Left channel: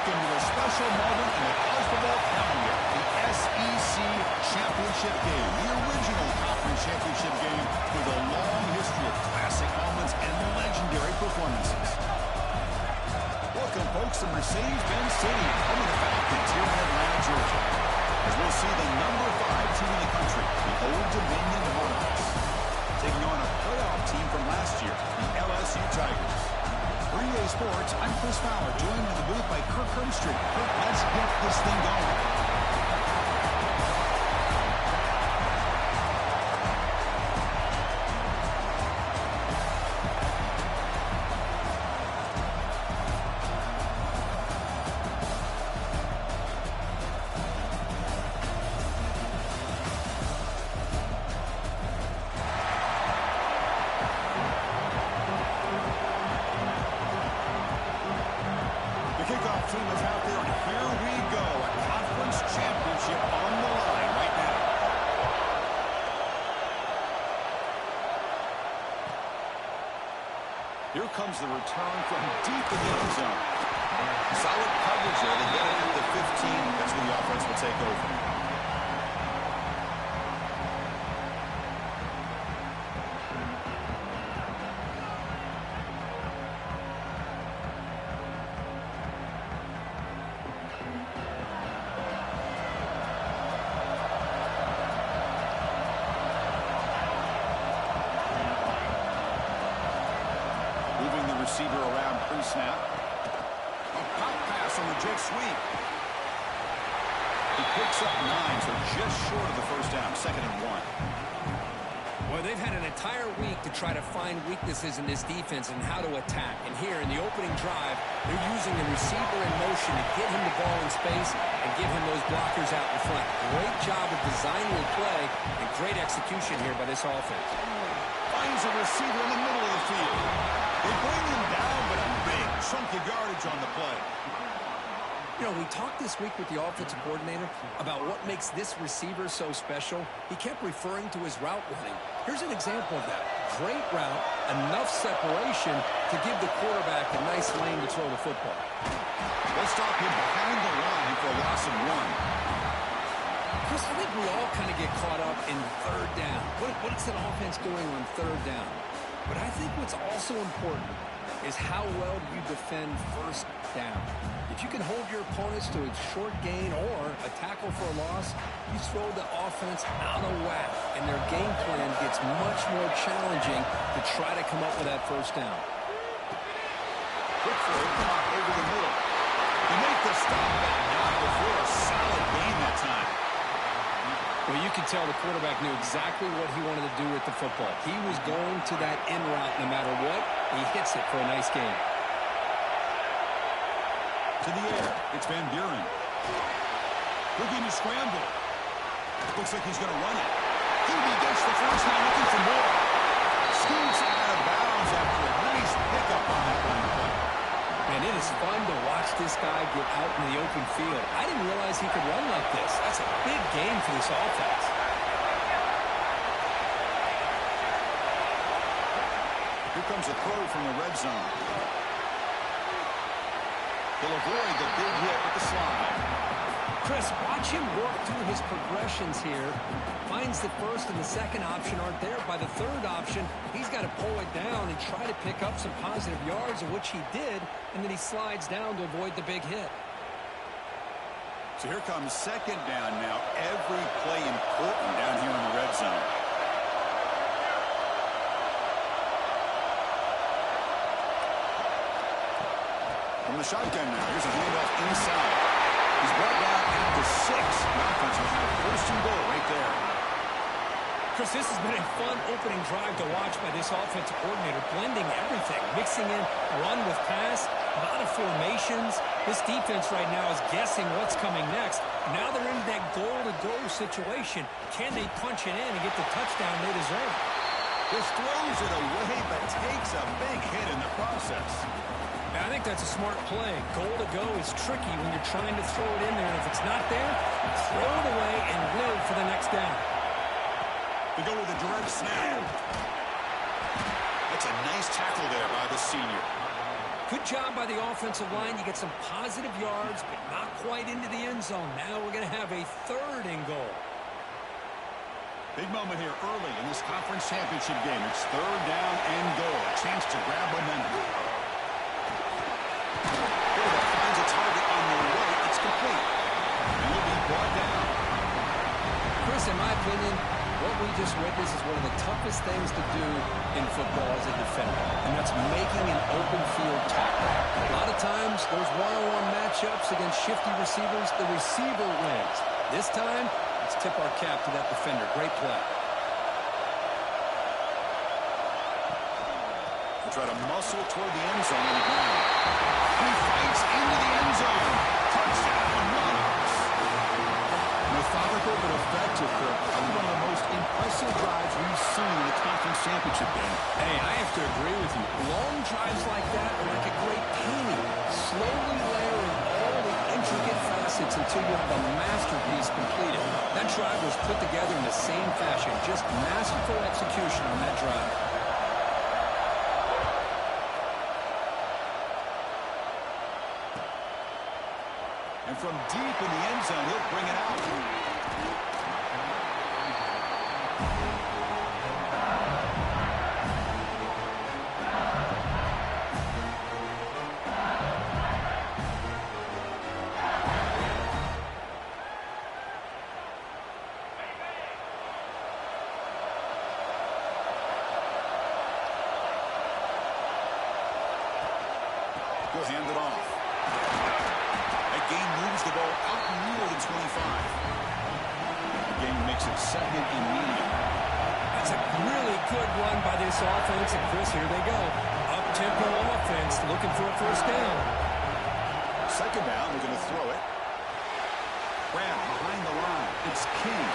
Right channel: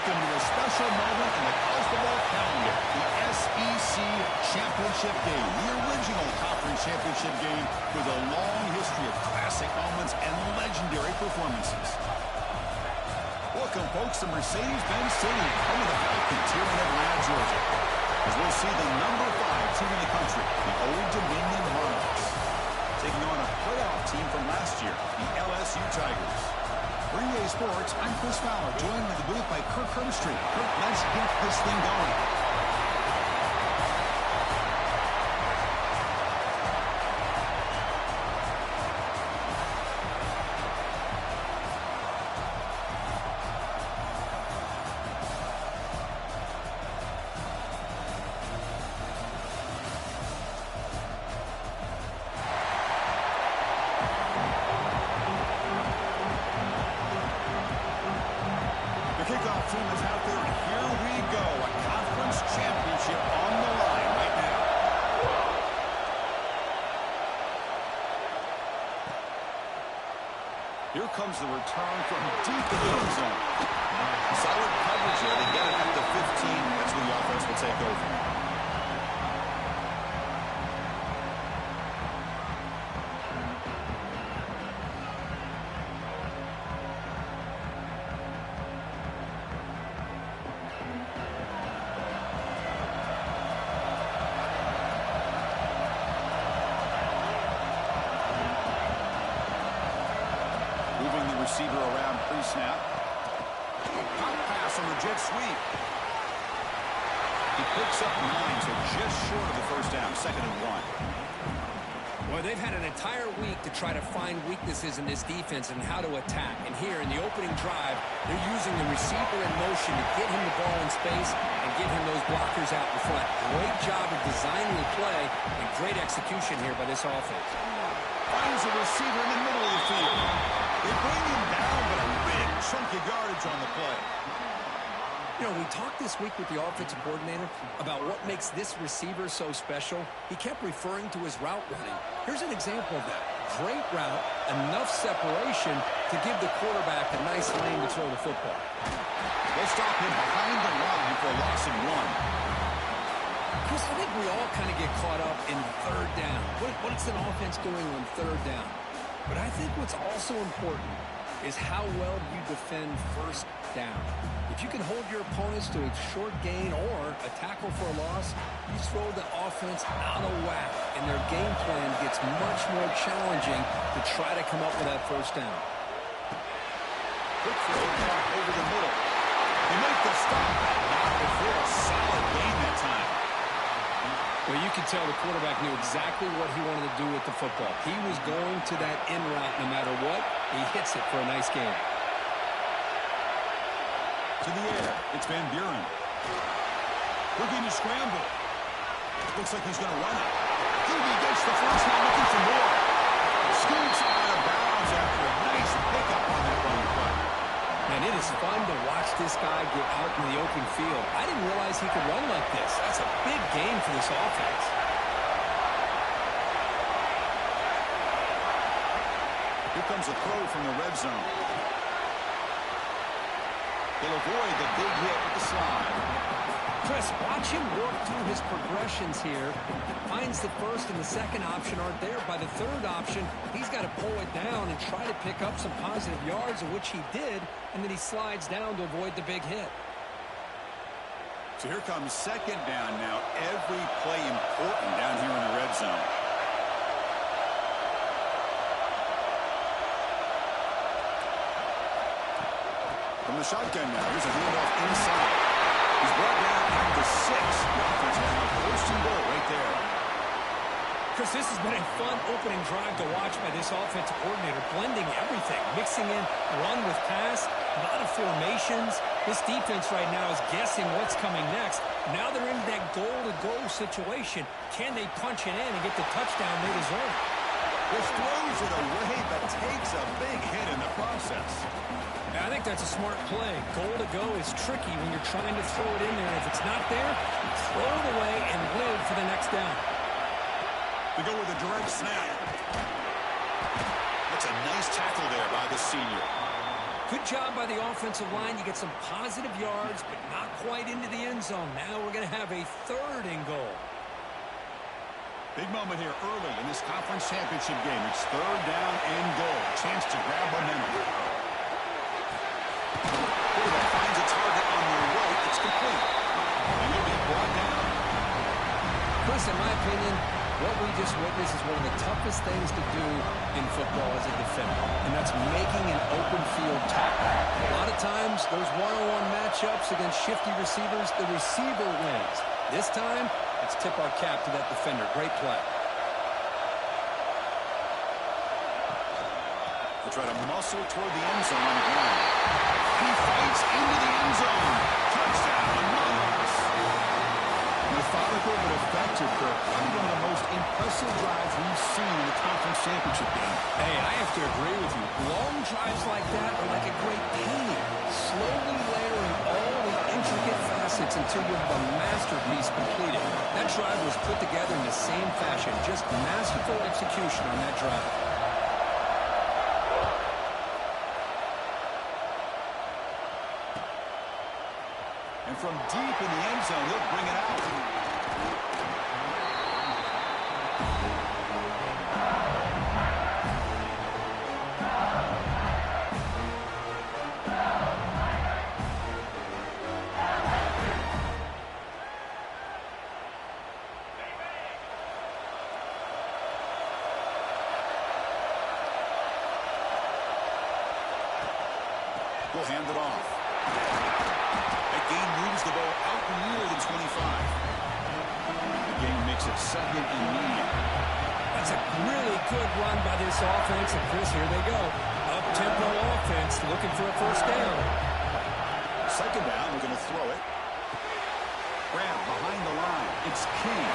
Welcome to a special moment in the college football calendar, the SEC Championship Game, the original conference championship game with a long history of classic moments and legendary performances. Welcome, folks, to Mercedes-Benz Stadium, home of the Falcons here in Atlanta, Georgia, as we'll see the number 5 team in the country, the Old Dominion Monarchs, taking on a playoff team from last year, the LSU Tigers. For EA Sports, I'm Chris Fowler, joined in the booth by Kirk Herbstreit. Kirk, let's get this thing going. Kickoff team is out there, and here we go. A conference championship on the line right now. Here comes the return from deep in the end zone. Solid coverage there. They get it at the 15. That's where the offense will take over. Moving the receiver around pre-snap. A pop pass on the jet sweep. He picks up 9, so just short of the first down, 2nd and 1. Well, they've had an entire week to try to find weaknesses in this defense and how to attack. And here in the opening drive, they're using the receiver in motion to get him the ball in space and get him those blockers out in front. Great job of designing the play and great execution here by this offense. Finds a receiver in the middle of the field. They bring him down, but a big chunk of yardage on the play. You know, we talked this week with the offensive coordinator about what makes this receiver so special. He kept referring to his route running. Here's an example of that. Great route, enough separation to give the quarterback a nice lane to throw the football. They'll stop him behind the line for a loss of 1. Chris, I think we all kind of get caught up in 3rd down. What's an offense doing on 3rd down? But I think what's also important is how well you defend 1st down. If you can hold your opponents to a short gain or a tackle for a loss, you throw the offense out of whack, and their game plan gets much more challenging to try to come up with that 1st down. Quick throw caught over the middle. They make the stop, but not before a solid gain that time. Well, you could tell the quarterback knew exactly what he wanted to do with the football. He was going to that in route no matter what. He hits it for a nice gain. To the air, it's Van Buren. Looking to scramble. Looks like he's going to run it. QB gets the first down, looking for more. Scoots out of bounds after a nice pickup on that running play. Man, it is fun to watch this guy get out in the open field. I didn't realize he could run like this. That's a big game for this offense. Here comes a throw from the red zone. He'll avoid the big hit with the slide. Chris, watch him work through his progressions here. Finds the 1st and the 2nd option aren't there. By the 3rd option, he's got to pull it down and try to pick up some positive yards, of which he did, and then he slides down to avoid the big hit. So here comes 2nd down now. Every play important down here in the red zone. From the shotgun now, here's a handoff inside. He's brought down at the 6. The offense will have 1st and goal right there. Chris, this has been a fun opening drive to watch by this offensive coordinator, blending everything, mixing in run with pass, a lot of formations. This defense right now is guessing what's coming next. Now they're in that goal-to-go situation. Can they punch it in and get the touchdown they deserve? Just throws it away, but takes a big hit in the process. I think that's a smart play. Goal to go is tricky when you're trying to throw it in there. And if it's not there, throw it away and live for the next down. We go with a direct snap. That's a nice tackle there by the senior. Good job by the offensive line. You get some positive yards, but not quite into the end zone. Now we're going to have a 3rd and goal. Big moment here early in this conference championship game. It's 3rd down and goal. A chance to grab momentum. Quarterback finds a target on the right. It's complete. And he'll be brought down. Chris, in my opinion, what we just witnessed is one of the toughest things to do in football as a defender, and that's making an open field tackle. A lot of times, those one-on-one matchups against shifty receivers, the receiver wins. This time, let's tip our cap to that defender. Great play. He'll try to muscle toward the end zone on the ground. He fights into the end zone. Touchdown, Monarchs. Methodical but effective, Kirk. Probably one of the most impressive drives we've seen in the conference championship game. Hey, I have to agree with you. Long drives like that are like a great painting. Slowly layering all the intricate facets until you have a masterpiece completed. That drive was put together in the same fashion. Just masterful execution on that drive. And from deep in the end zone, he'll bring it out. We'll hand it off. That gain moves the ball out near the 25. The gain makes it 2nd and medium. That's a really good run by this offense. And, Chris, here they go. Up-tempo offense looking for a 1st down. 2nd down, we're going to throw it. Grab behind the line. It's King.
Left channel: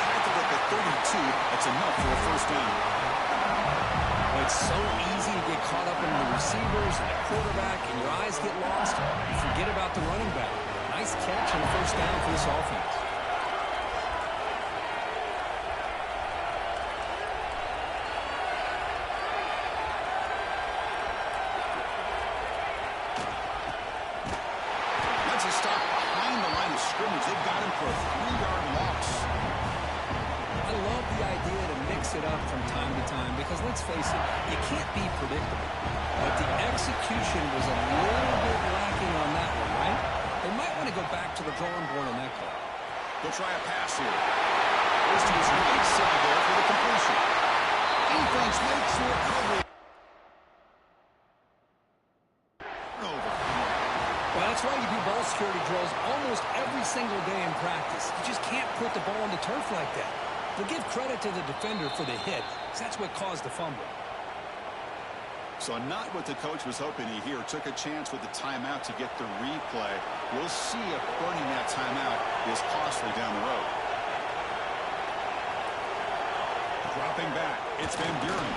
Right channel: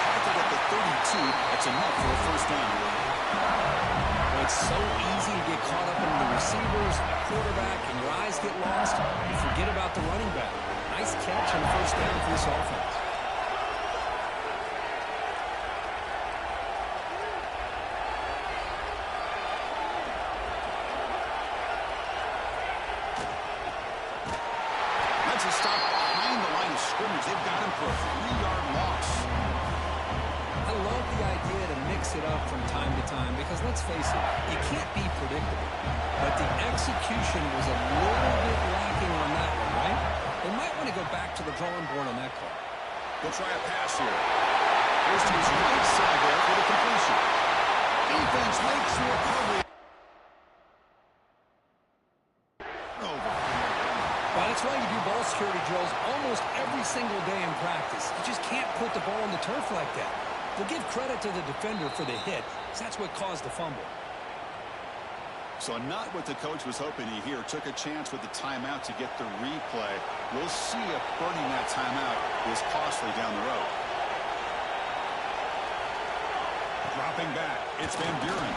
Tackled at the 32. That's enough for a 1st down. It's so easy to get caught up in the receivers and the quarterback, and your eyes get lost. You forget about the running back. Nice catch on the 1st down for this offense. That's a stop behind the line of scrimmage. They've got him for a 3-yard loss. I love the idea to mix it up from time to time because, let's face it, you can't be predictable. But the execution was a little bit lacking on that one, right? They might want to go back to the drawing board on that call. They'll try a pass here. Goes to his right side there for the completion. Defense makes the recovery. Over. Well, that's why you do ball security drills almost every single day in practice. You just can't put the ball on the turf like that. They'll give credit to the defender for the hit, because that's what caused the fumble. So not what the coach was hoping to hear. Took a chance with the timeout to get the replay. We'll see if burning that timeout is costly down the road. Dropping back, it's Van Buren.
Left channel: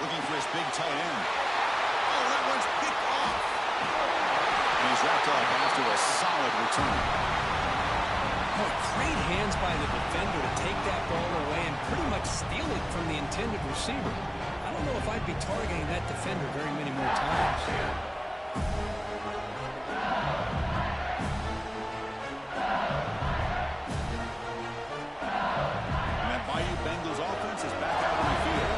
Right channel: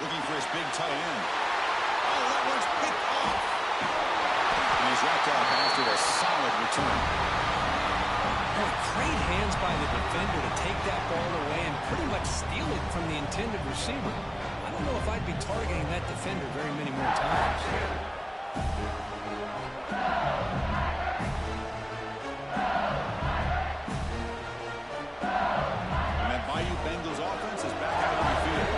Looking for his big tight end. Oh, that one's picked off. And he's wrapped up after a solid return. Boy, great hands by the defender to take that ball away and pretty much steal it from the intended receiver. I don't know if I'd be targeting that defender very many more times. And that Bayou Bengals offense is back out on the field.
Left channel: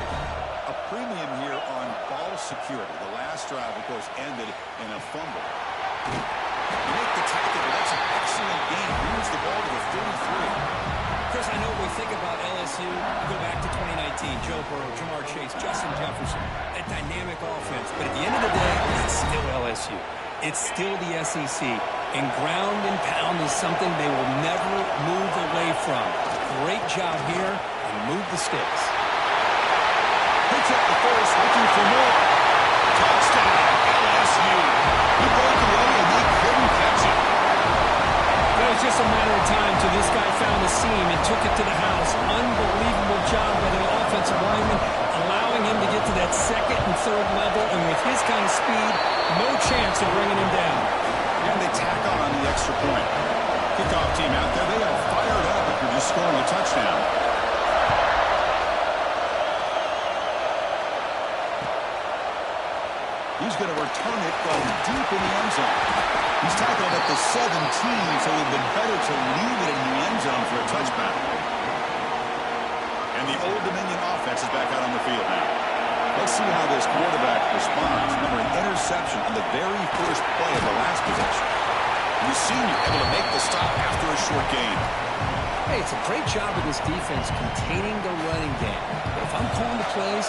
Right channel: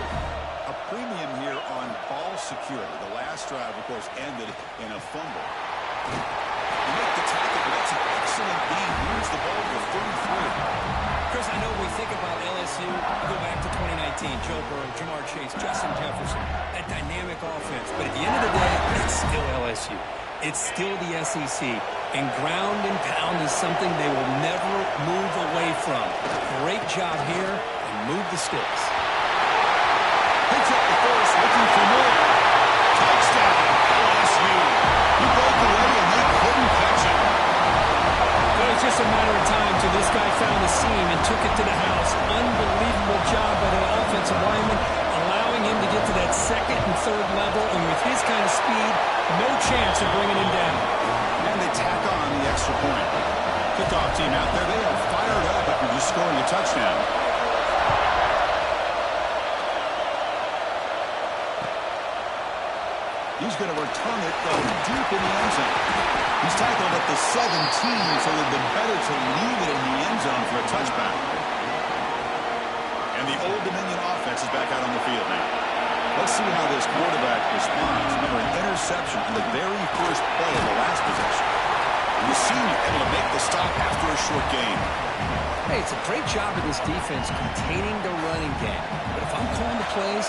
A premium here on ball security. The last drive, of course, ended in a fumble. You make the tackle, but that's an excellent gain. Moves the ball to the 33. Chris, I know we think about LSU. We go back to 2019. Joe Burrow, Jamar Chase, Justin Jefferson. That dynamic offense. But at the end of the day, it's still LSU. It's still the SEC. And ground and pound is something they will never move away from. Great job here, and move the sticks. Picks up the first, looking for more. Touchdown, LSU. He broke away, and they couldn't catch him. It was just a matter of time till this guy found a seam and took it to the house. Unbelievable job by the offensive lineman, allowing him to get to that 2nd and 3rd level, and with his kind of speed, no chance of bringing him down. And they tack on the extra point. Kickoff team out there, they are fired up after just scoring a touchdown. He's going to return it from deep in the end zone. He's tackled at the 17, so it would have been better to leave it in the end zone for a touchback. And the Old Dominion offense is back out on the field now. Let's see how this quarterback responds. Remember, an interception on the very first play of the last possession. And the senior able to make the stop after a short gain. Hey, it's a great job of this defense containing the running game. But if I'm calling the plays,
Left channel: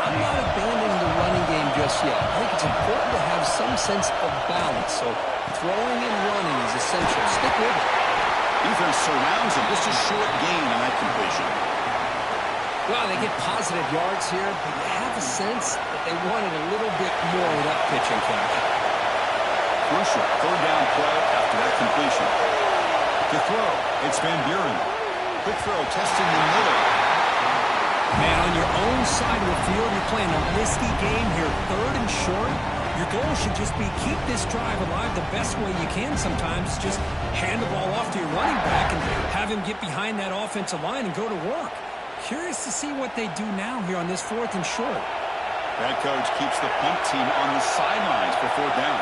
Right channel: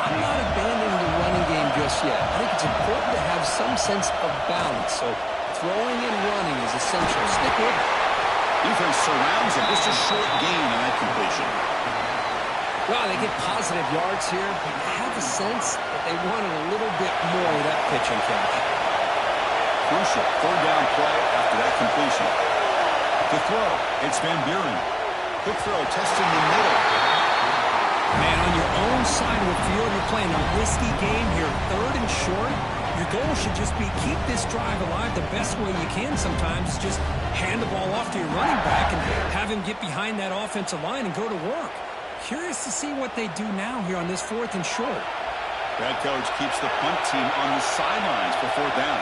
I'm not abandoning the running game just yet. I think it's important to have some sense of balance. So throwing and running is essential. Stick with it. Defense surrounds him. Just a short gain on that completion. Well, they get positive yards here, but you have a sense that they wanted a little bit more with that pitch and catch. Crucial third down play after that completion. To throw, it's Van Buren. Quick throw, testing the middle. Man, on your own side of the field, you're playing a risky game here. Third and short. Your goal should just be keep this drive alive the best way you can sometimes. Just hand the ball off to your running back and have him get behind that offensive line and go to work. Curious to see what they do now here on this 4th and short. Head coach keeps the punt team on the sidelines for 4th down.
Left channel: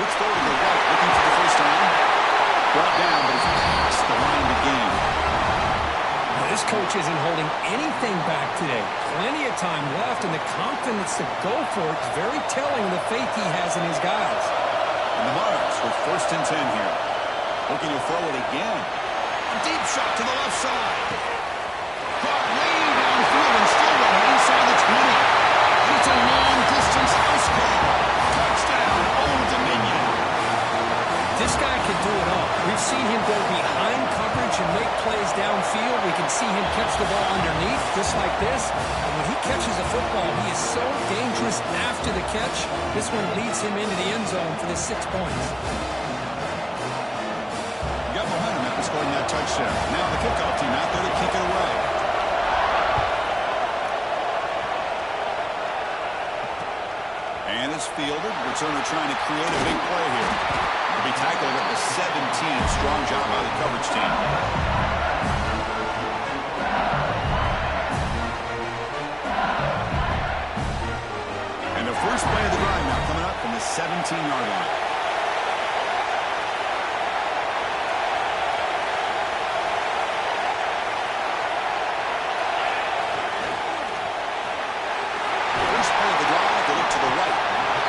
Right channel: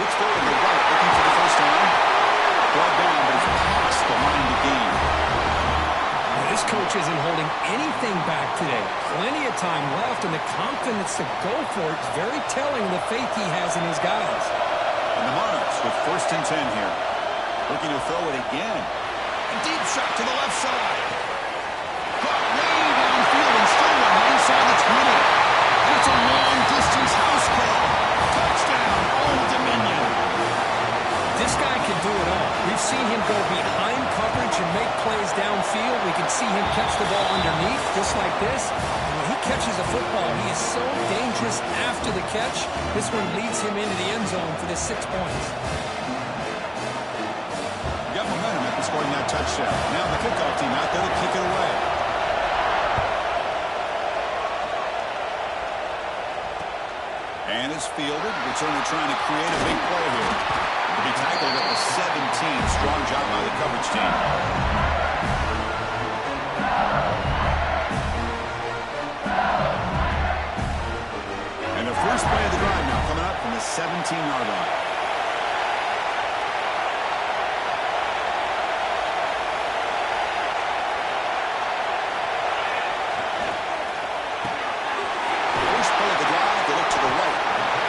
Let's throw to the right, looking for the first down. Brought down, but it's past the line to gain. Now, this coach isn't holding anything back today. Plenty of time left, and the confidence to go for it is very telling of the faith he has in his guys. And the Monarchs with 1st and 10 here. Looking to throw it again. A deep shot to the left side. Caught way downfield and still running inside the 20. And it's a long-distance house call. Touchdown, Old Dominion. This guy can do it all. We've seen him go behind coverage and make plays downfield. We can see him catch the ball underneath, just like this. And when he catches a football, he is so dangerous after the catch. This one leads him into the end zone for the 6 points. You got momentum after scoring that touchdown. Now the kickoff team out there to kick it away. And it's fielded. Returner trying to create a big play here. To be tackled at the 17. Strong job by the coverage team. And the first play of the drive now coming up from the 17-yard line. First play of the drive, they look to the right.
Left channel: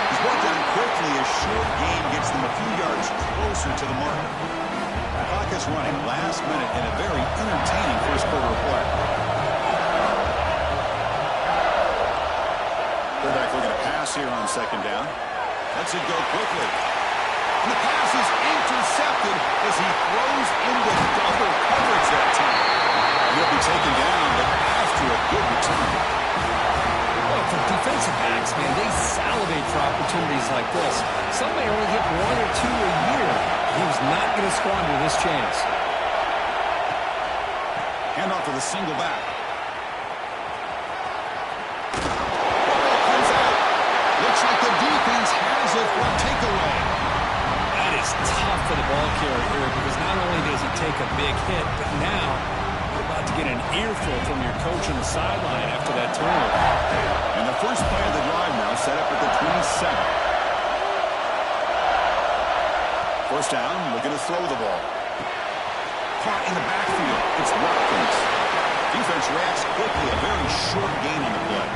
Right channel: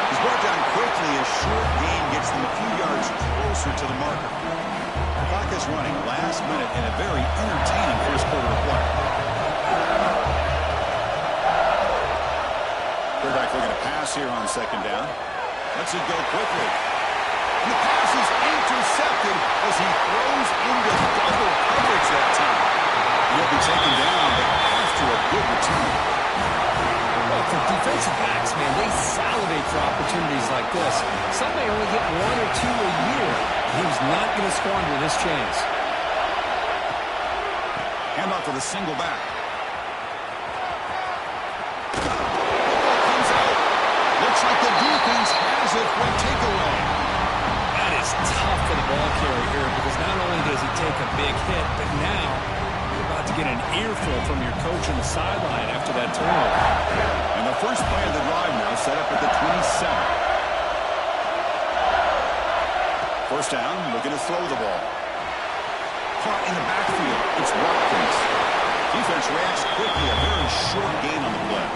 He's brought down quickly. A short gain gets them a few yards closer to the marker. Clock is running last minute in a very entertaining first quarter of play. Quarterback looking to pass here on 2nd down. Lets it go quickly. And the pass is intercepted as he throws into double coverage that time. He'll be taken down, but after a good return. Well, for defensive backs, man, they salivate for opportunities like this. Some may only get 1 or 2 a year. He was not going to squander this chance. Handoff to the single back. Football comes out. Looks like the defense has it for a takeaway. That is tough for the ball carrier here because not only does he take a big hit, but now you're about to get an earful from your coach on the sideline after that turnover. And the first play of the drive now set up at the 27. First down, looking to throw the ball. Caught in the backfield. It's Watkins. Defense reacts quickly. A very short gain on the play.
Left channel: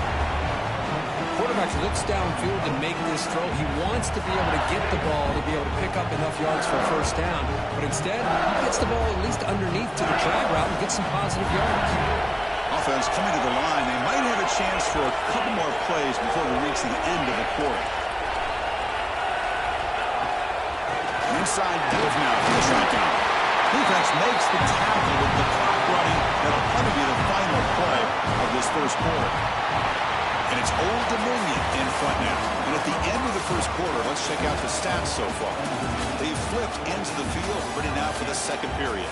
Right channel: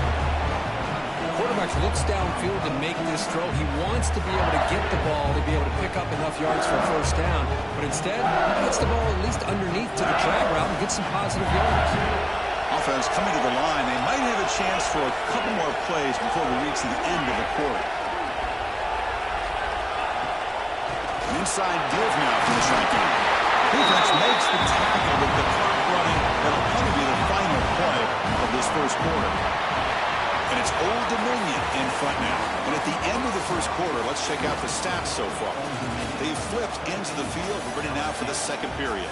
Quarterback looks downfield to make this throw. He wants to be able to get the ball to be able to pick up enough yards for a first down. But instead, he gets the ball at least underneath to the drag route and gets some positive yards. Offense coming to the line. They might have a chance for a couple more plays before we reach the end of the quarter. An inside give now from the shotgun. Defense makes the tackle with the clock running. That'll probably be the final play of this first quarter. And it's Old Dominion in front now. And at the end of the first quarter, let's check out the stats so far. They've flipped ends of the field. We're ready now for the second period.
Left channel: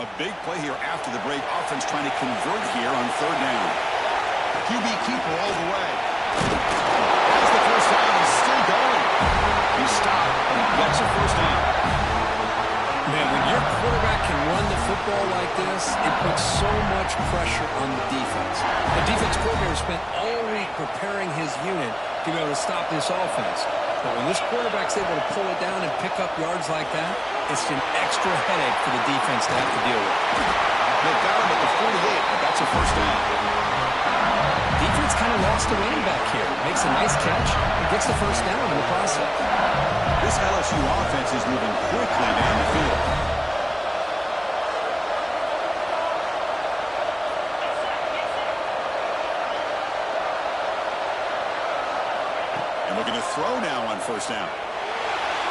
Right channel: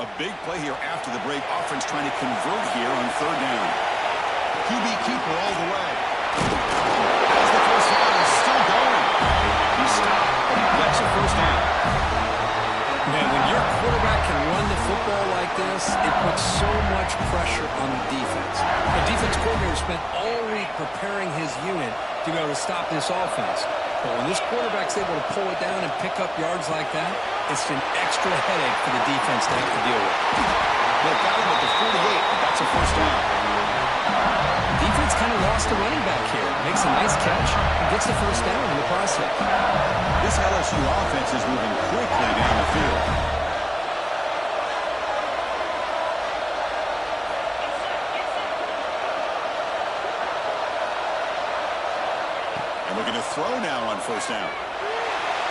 A big play here after the break. Offense trying to convert here on third down. QB keeper all the way. Has the first down. He's still going. He stopped, but he gets a first down. Man, when your quarterback can run the football like this, it puts so much pressure on the defense. The defense coordinator spent all week preparing his unit to be able to stop this offense. But when this quarterback's able to pull it down and pick up yards like that, it's an extra headache for the defense to have to deal with. They've got him at the 48, but that's a first down. Defense kind of lost a running back here. Makes a nice catch and gets the first down in the process. This LSU offense is moving quickly down the field. And looking to throw now on first down.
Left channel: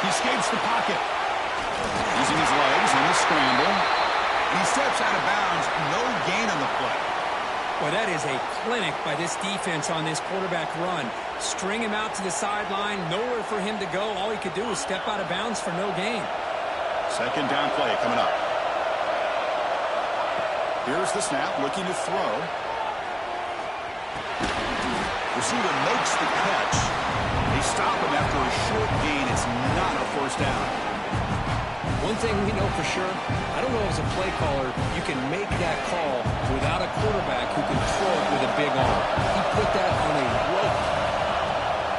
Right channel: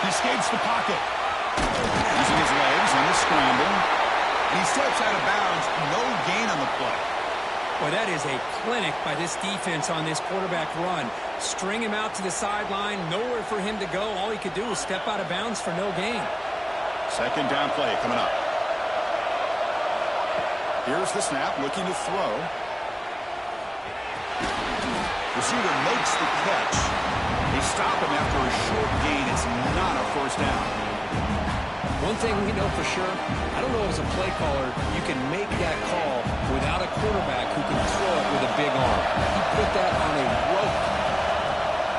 He escapes the pocket. Using his legs in the scramble. And he steps out of bounds. No gain on the play. Well, that is a clinic by this defense on this quarterback run. String him out to the sideline. Nowhere for him to go. All he could do was step out of bounds for no gain. Second down play coming up. Here's the snap. Looking to throw. Receiver makes the catch. They stop him after a short gain. It's not a first down. One thing we know for sure, I don't know as a play caller, you can make that call without a quarterback who can throw it with a big arm. He put that on a rope.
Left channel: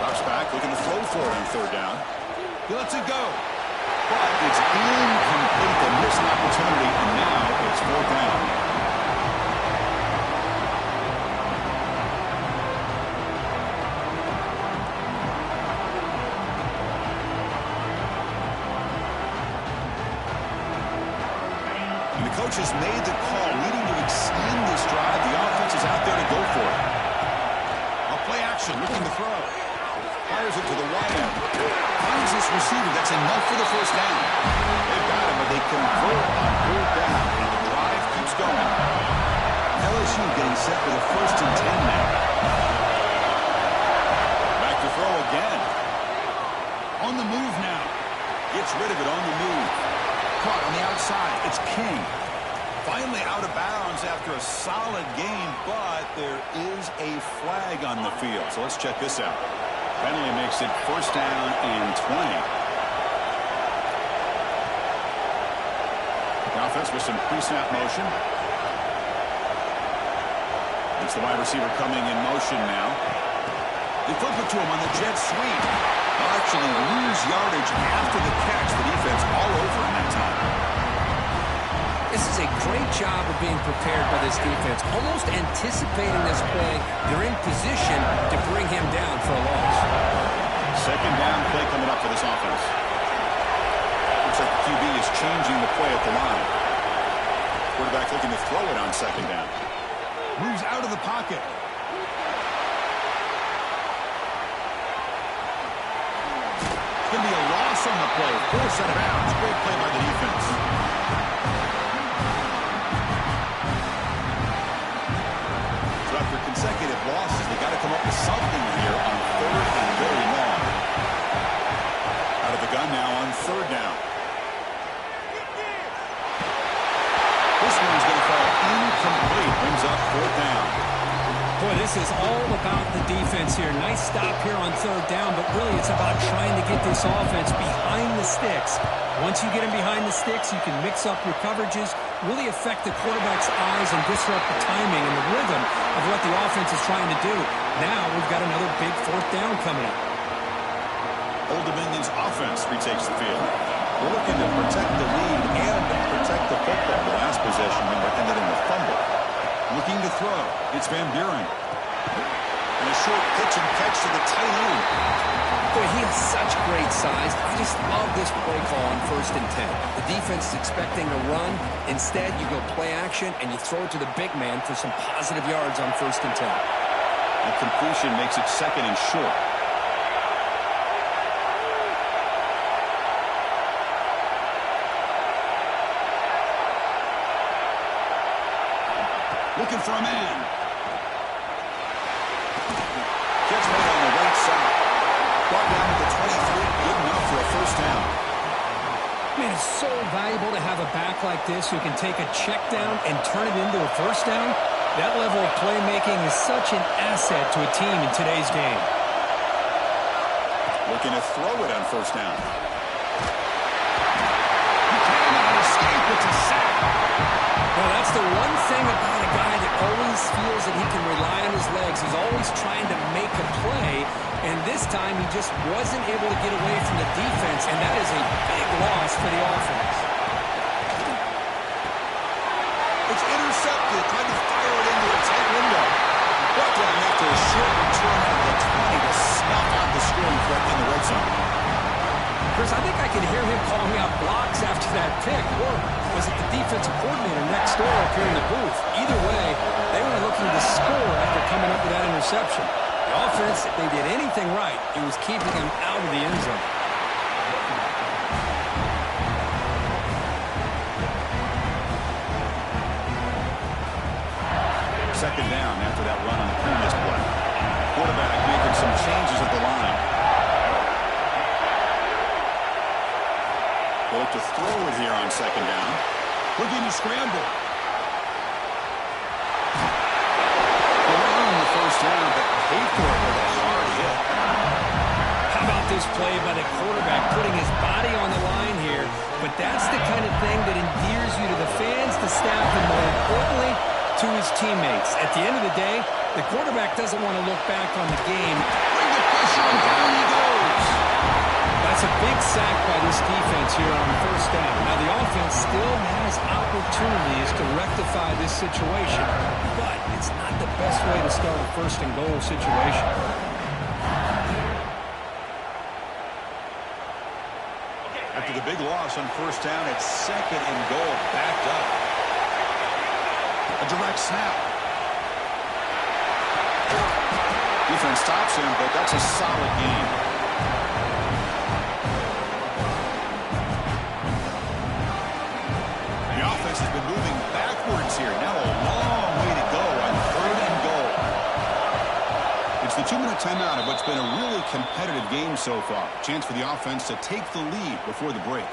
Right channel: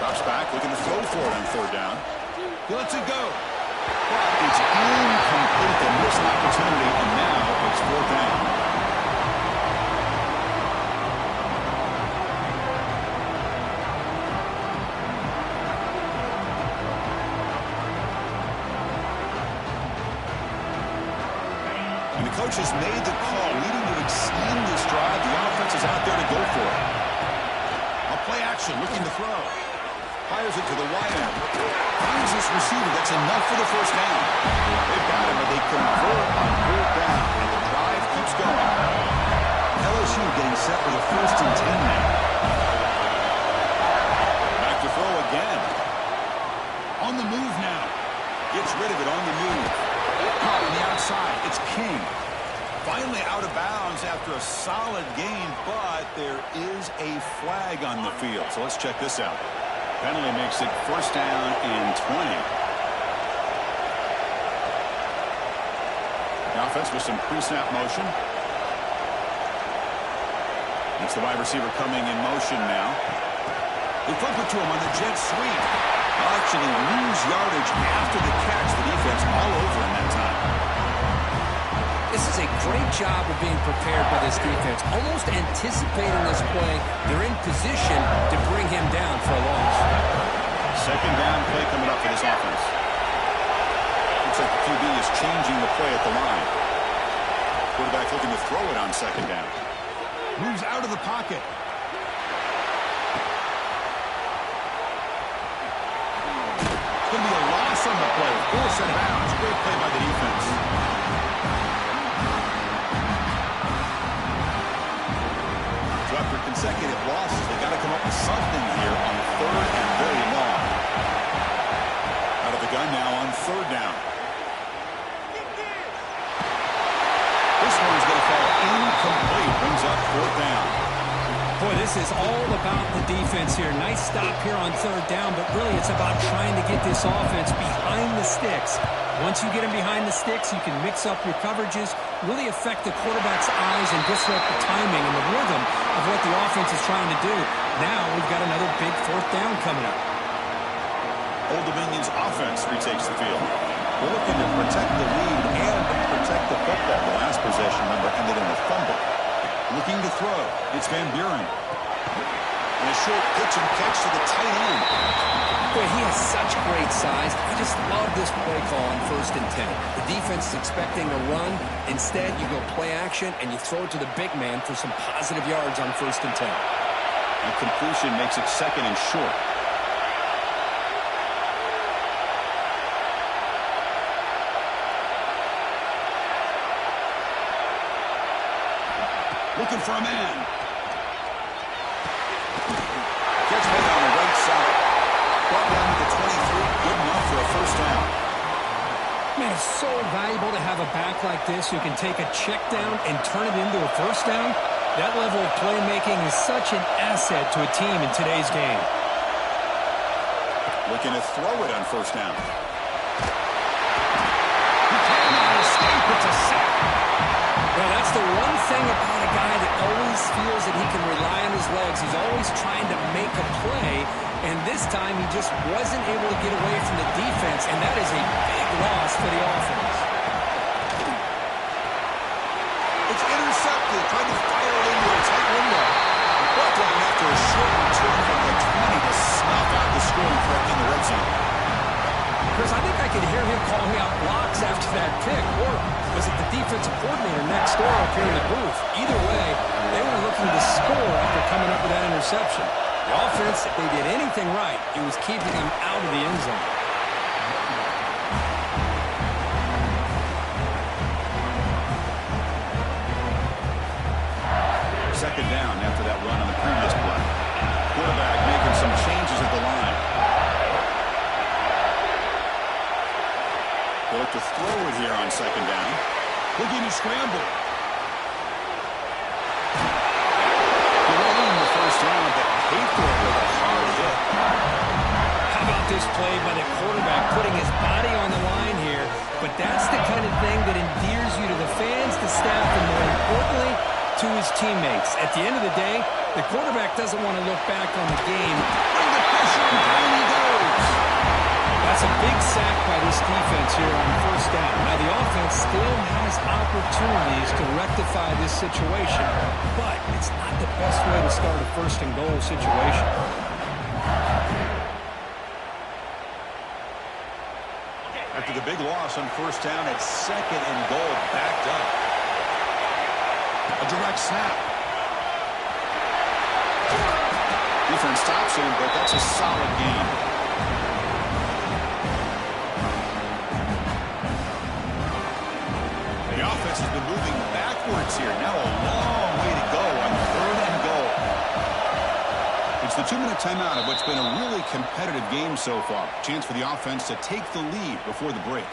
Drops back, looking to throw for it on third down. He lets it go. But it's incomplete. They miss an opportunity, and now it's fourth down. Coach has made the call, needing to extend this drive. The offense is out there to go for it. A play action, looking to throw. Fires it to the wide end. Finds this receiver. That's enough for the first down. They've got him, but they convert on fourth down, and the drive keeps going. LSU getting set for the 1st and 10 now. Back to throw again. On the move now. Gets rid of it on the move. Caught on the outside. It's King. Finally out of bounds after a solid game, but there is a flag on the field. So let's check this out. Penalty makes it first down and 20. The offense with some pre-snap motion. It's the wide receiver coming in motion now. They flip it to him on the jet sweep. They'll actually lose yardage after the catch. The defense all over in that time. This is a great job of being prepared by this defense. Almost anticipating this play. They're in position to bring him down for a loss. Second down play coming up for this offense. Looks like the QB is changing the play at the line. Quarterback looking to throw it on second down. Moves out of the pocket. It's going to be a loss on the play. Forced out of bounds. Great play by the defense. So after consecutive losses, they got to come up with something here on third and very long. Out of the gun now on third down. This one's going to fall incomplete. Brings up fourth down. Boy, this is all about the defense here. Nice stop here on third down, but really it's about trying to get this offense behind the sticks. Once you get them behind the sticks, you can mix up your coverages, really affect the quarterback's eyes and disrupt the timing and the rhythm of what the offense is trying to do. Now we've got another big fourth down coming up. Old Dominion's offense retakes the field. They're looking to protect the lead and protect the football. The last possession, remember, ended in a fumble. Looking to throw. It's Van Buren. And a short pitch and catch to the tight end. Boy, he has such great size. I just love this play call on 1st and 10. The defense is expecting a run. Instead, you go play action, and you throw it to the big man for some positive yards on 1st and 10. And completion makes it second and short. Looking for a man. Catch made on the right side. Brought down at the 23. Good enough for a first down. Man, it's so valuable to have a back like this who can take a check down and turn it into a first down. That level of playmaking is such an asset to a team in today's game. Looking to throw it on first down. He cannot escape. It's a sack. Well, that's the one thing about a guy that always feels that he can rely on his legs. He's always trying to make a play, and this time he just wasn't able to get away from the defense, and that is a big loss for the offense. It's intercepted, trying to fire it into a tight window. Brought down after a short return at the 20 to snuff out the scoring threat in the red zone. Chris, I think I could hear him calling out blocks after that pick, or was it the defensive coordinator next door up here in the booth? Either way, they were looking to score after coming up with that interception. The offense, if they did anything right, it was keeping them out of the end zone. Second down after that run on the previous play. Quarterback making some changes at the line. They'll look to throw it here on second down. Looking to scramble. Delaying the first down, but paid for it with a hard hit. How about this play by the quarterback putting his body on the line here? But that's the kind of thing that endears you to the fans, the staff, and more importantly, to his teammates. At the end of the day, the quarterback doesn't want to look back on the game. Bring the pressure, and down he goes. That's a big sack by this defense here on first down. Now, the offense still has opportunities to rectify this situation, but it's not the best way to start a first-and-goal situation. After the big loss on first down, it's second and goal, backed up. A direct snap. Defense stops him, but that's a solid gain. The offense has been moving backwards here. Now a long way to go on third and goal. It's the 2-minute timeout of what's been a really competitive game so far. Chance for the offense to take the lead before the break.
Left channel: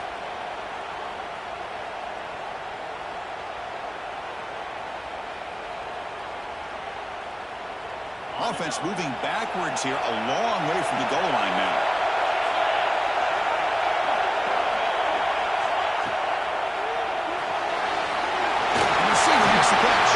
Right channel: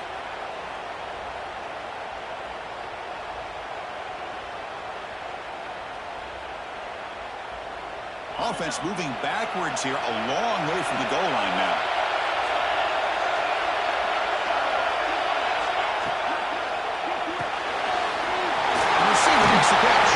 Offense moving backwards here, a long way from the goal line now. The receiver makes the catch.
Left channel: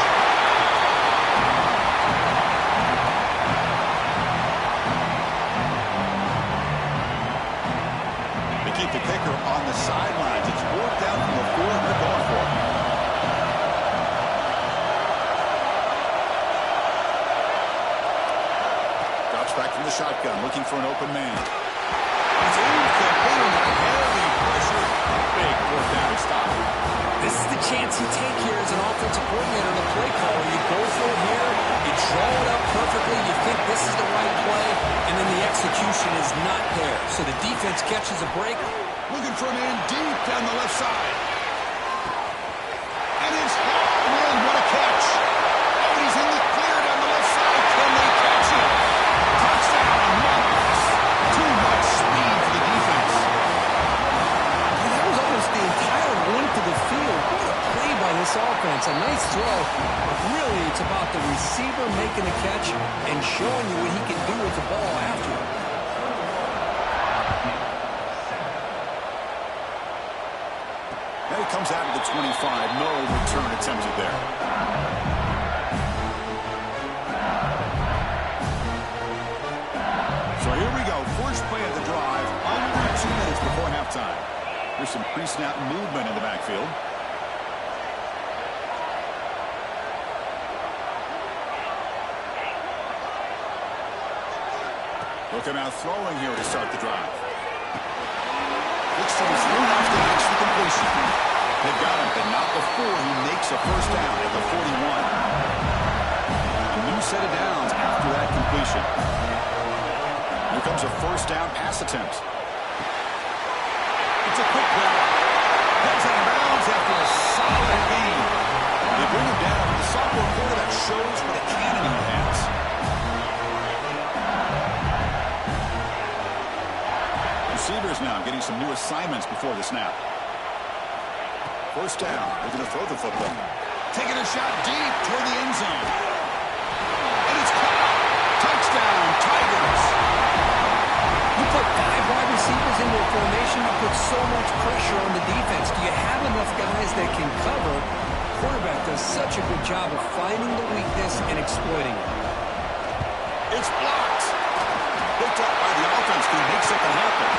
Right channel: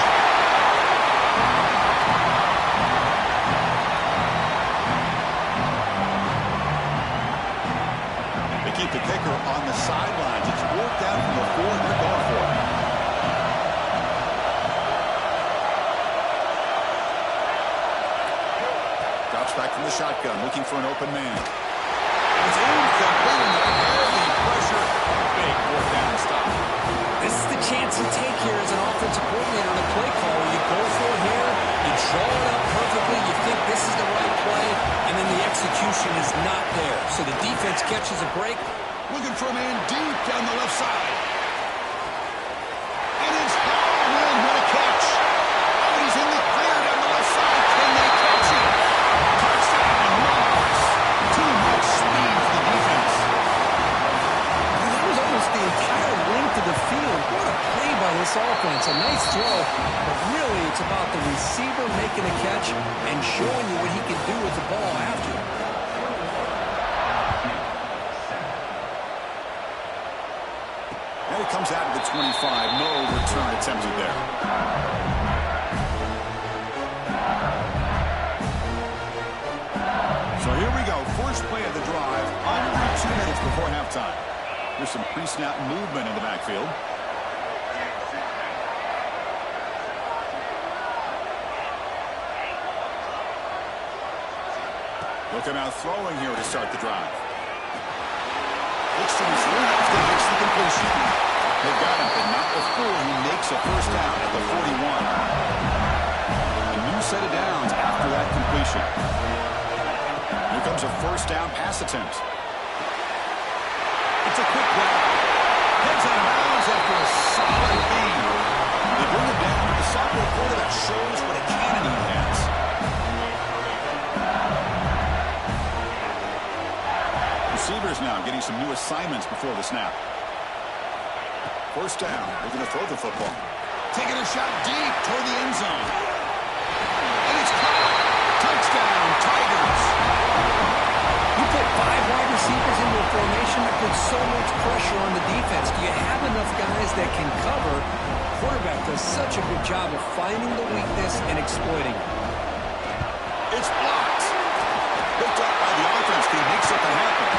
They keep the kicker on the sidelines. It's worked out from the 4, and they're going for it. Drops back from the shotgun, looking for an open man. It's incomplete, and the heavy pressure. A big fourth down stop. This is the chance you take here as an offensive coordinator and a play caller. You go for it here, you draw it up perfectly, you think this is the right play, and then the execution is not there. So the defense catches a break. Looking for a man deep down the left side. And it's hauled in. What a catch. Oh, he's in the clear down the left side. Can they catch him? Touchdown, Monarchs. Too much speed for the defense. And that was almost the entire length of the field. What a play by this offense. A nice throw, but really it's about the receiver making a catch and showing you what he can do with the ball after it. And it comes out of the 25. No return attempted there. So here we go. First play of the drive. Under 2 minutes before halftime. There's some pre-snap movement in the backfield. Looking out throwing here to start the drive. Looks to his left and makes the completion. They've got him, but not before he makes a first down at the 41. A new set of downs after that completion. Here comes a first down pass attempt. It's a quick grab. Heads out of bounds after a solid gain. They bring him down, but the sophomore quarterback shows what a cannon he has. Receivers now getting some new assignments before the snap. First down. They're going to throw the football. Taking a shot deep toward the end zone. And it's caught. Touchdown, Tigers. You put 5 wide receivers into a formation that puts so much pressure on the defense. Do you have enough guys that can cover? Quarterback does such a good job of finding the weakness and exploiting it. It's blocked. Picked up by the offense. Can he make something happen?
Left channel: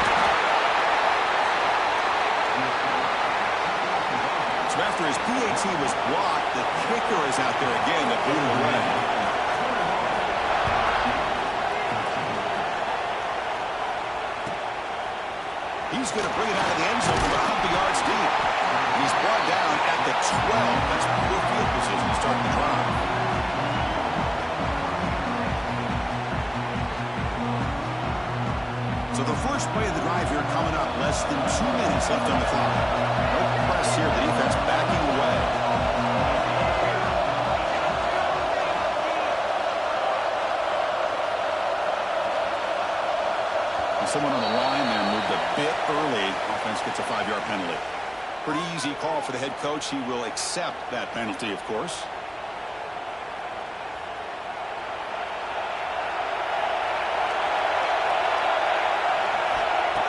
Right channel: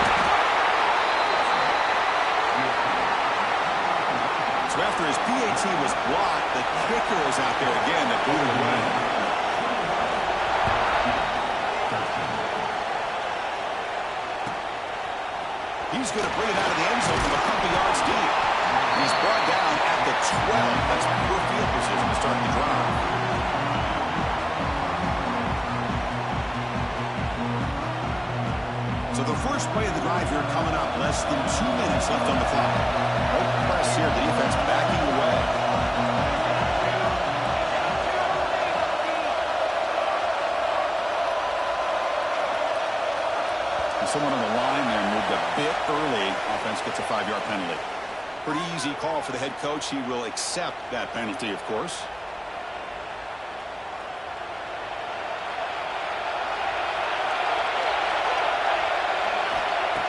So after his PAT was blocked, the kicker is out there again to boot it away. He's going to bring it out of the end zone from a couple yards deep. He's brought down at the 12. That's poor field position to start the drive. So the first play of the drive here coming up. Less than 2 minutes left on the clock. No press here. The defense backing away. And someone on the line there moved a bit early. Offense gets a 5-yard penalty. Pretty easy call for the head coach. He will accept that penalty, of course.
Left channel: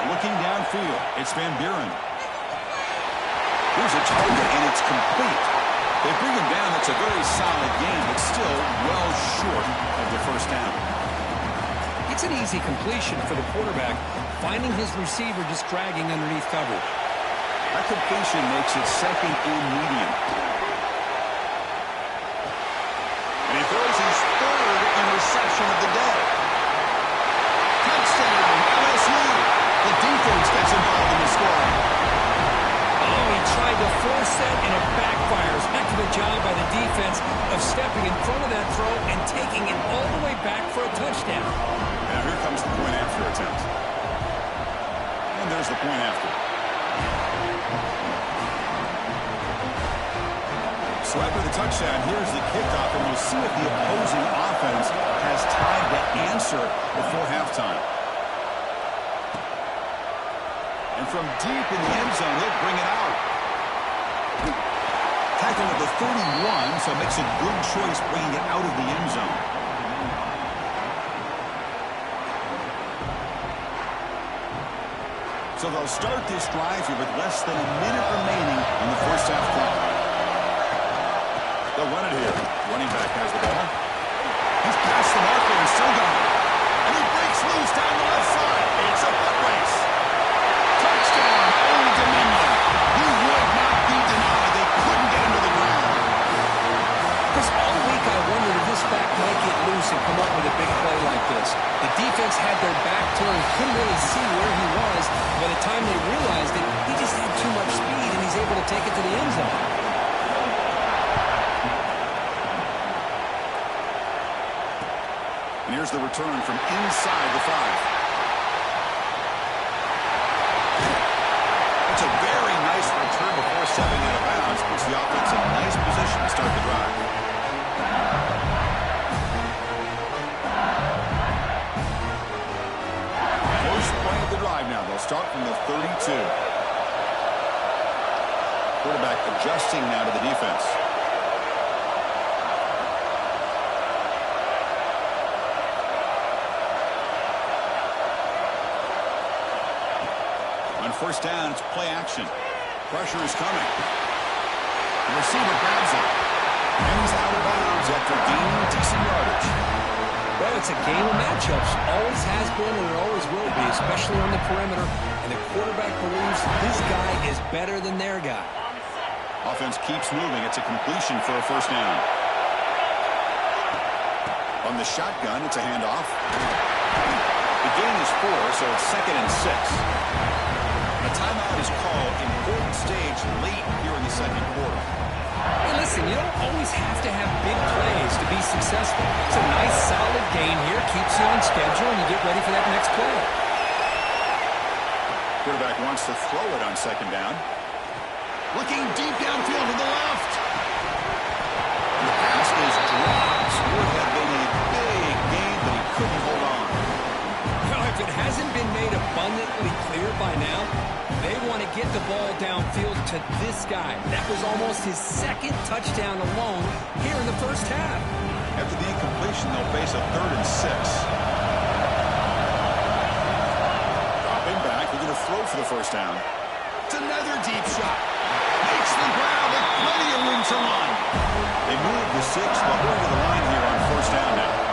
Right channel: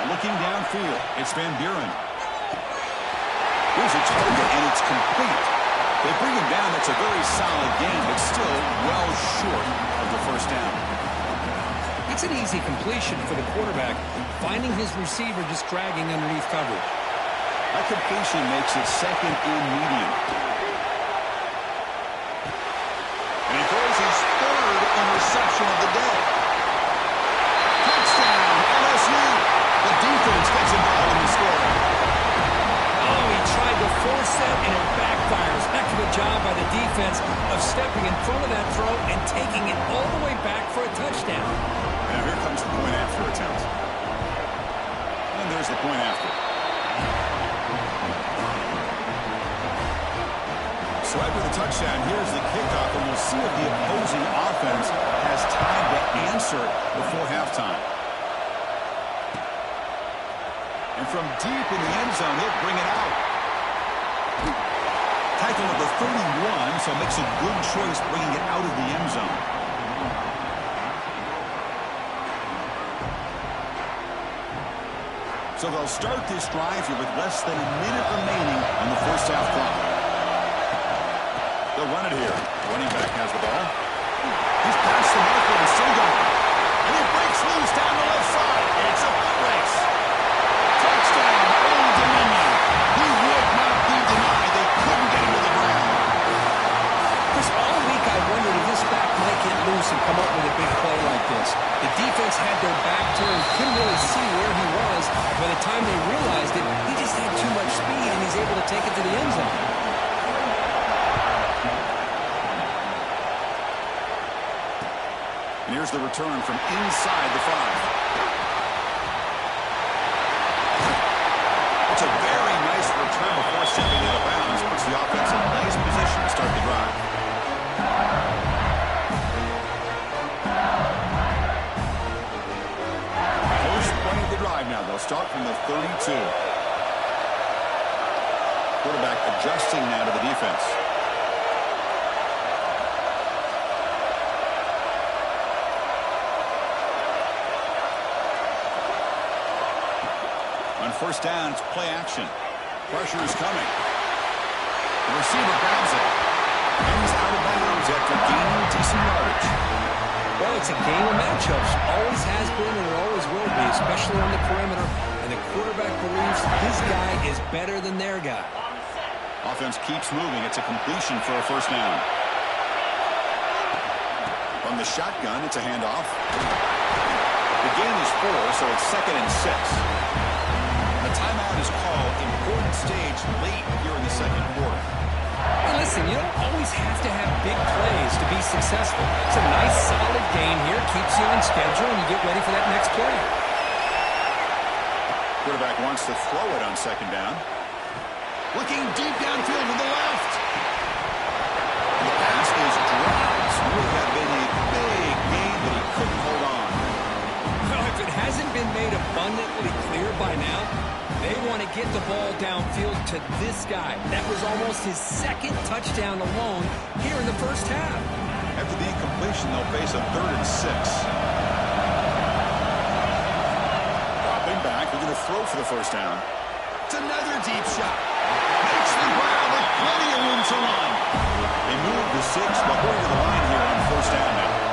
Looking downfield, it's Van Buren. Here's a target, and it's complete. They bring him down. That's a very solid game, but still well short of the first down. It's an easy completion for the quarterback, finding his receiver just dragging underneath coverage. That completion makes it second and medium. And he throws his 3rd interception of the day. Touchdown, LSU. The defense gets involved in the scoring. Oh, he tried to force that, and it backfires. Heck of a job by the defense of stepping in front of that throw and taking it all the way back for a touchdown. Now here comes the point after attempt. And there's the point after. So after the touchdown, here's the kickoff, and we'll see if the opposing offense has time to answer before halftime. And from deep in the end zone, he'll bring it out. Tackle at the 31, so makes a good choice bringing it out of the end zone. So they'll start this drive here with less than a minute remaining on the first half clock. They'll run it here. Running back has the ball. He's past the marker and still going. And he breaks loose down the left side. It's a foot race. Touchdown, Old Dominion. He would not be denied. They couldn't get him to the ground. Chris, all week I wondered if this back might get loose and come up with a big play like this. The defense had their back turned, couldn't really see where he was. By the time they realized it, he just had too much speed, and he's able to take it to the end zone. And here's the return from inside the 5. It's a very nice return before stepping out of bounds. Puts the offense in a nice position to start the drive. First play of the drive now. They'll start from the 32. Quarterback adjusting now to the defense. On first down, it's play action. Pressure is coming. The receiver grabs it. And he's out of bounds after gaining decent yardage. Well, it's a game of matchups. Always has been, and it always will be, especially on the perimeter. And the quarterback believes his guy is better than their guy. Offense keeps moving. It's a completion for a first down. On the shotgun, it's a handoff. The gain is 4, so it's 2nd and 6. A timeout is called. Important stage late here in the second quarter. Hey, listen, you don't always have to have big plays to be successful. It's a nice, solid gain here. Keeps you on schedule, and you get ready for that next play. Quarterback wants to throw it on second down. Looking deep downfield to the left. And the pass is dropped. Would have been a big gain, but he couldn't hold on. Well, if it hasn't been made abundantly clear by now, they want to get the ball downfield to this guy. That was almost his second touchdown alone here in the first half. After the incompletion, they'll face a 3rd and 6. Dropping back, we're going to throw for the first down. It's another deep shot. Makes the grab with plenty of room to run. They move the 6, but we're to the line here on first down now.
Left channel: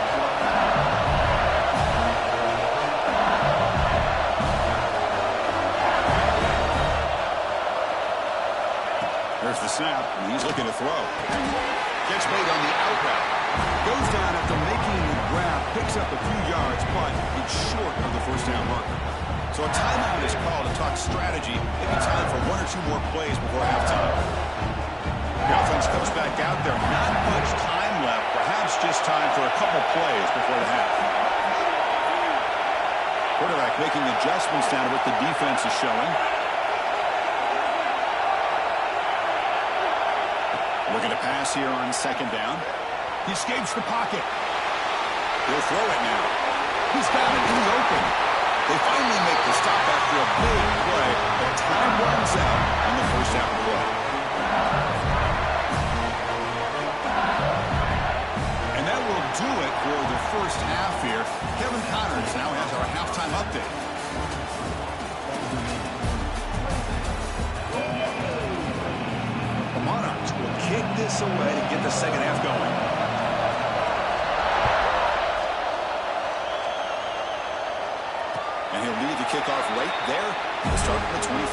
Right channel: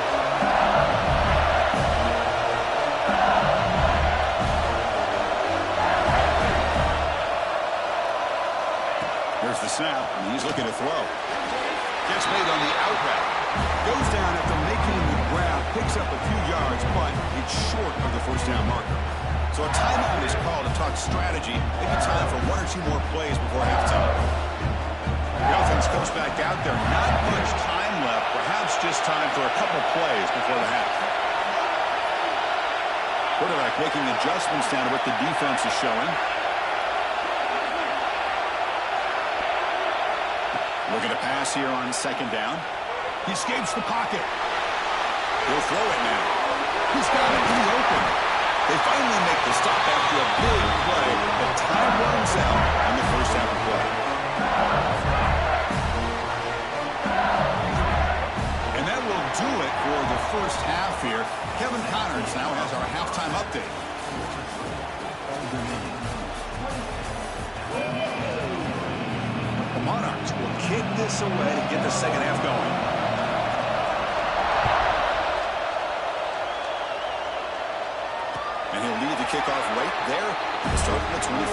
Here's the snap, and he's looking to throw. Gets made on the out route. Goes down after making the grab, picks up a few yards, but it's short of the first down marker. So a timeout is called to talk strategy. Maybe time for 1 or 2 more plays before halftime. The offense comes back out there. Not much time left. Perhaps just time for a couple plays before the half. Quarterback making adjustments down to what the defense is showing. Looking to pass here on second down. He escapes the pocket. He'll throw it now. He's got it in the open. They finally make the stop after a big play, but time runs out on the first half of play. And that will do it for the first half here. Kevin Connors now has our halftime update. The Monarchs will kick this away to get the second half going. And he'll lead the kickoff right there. We'll start at the 25.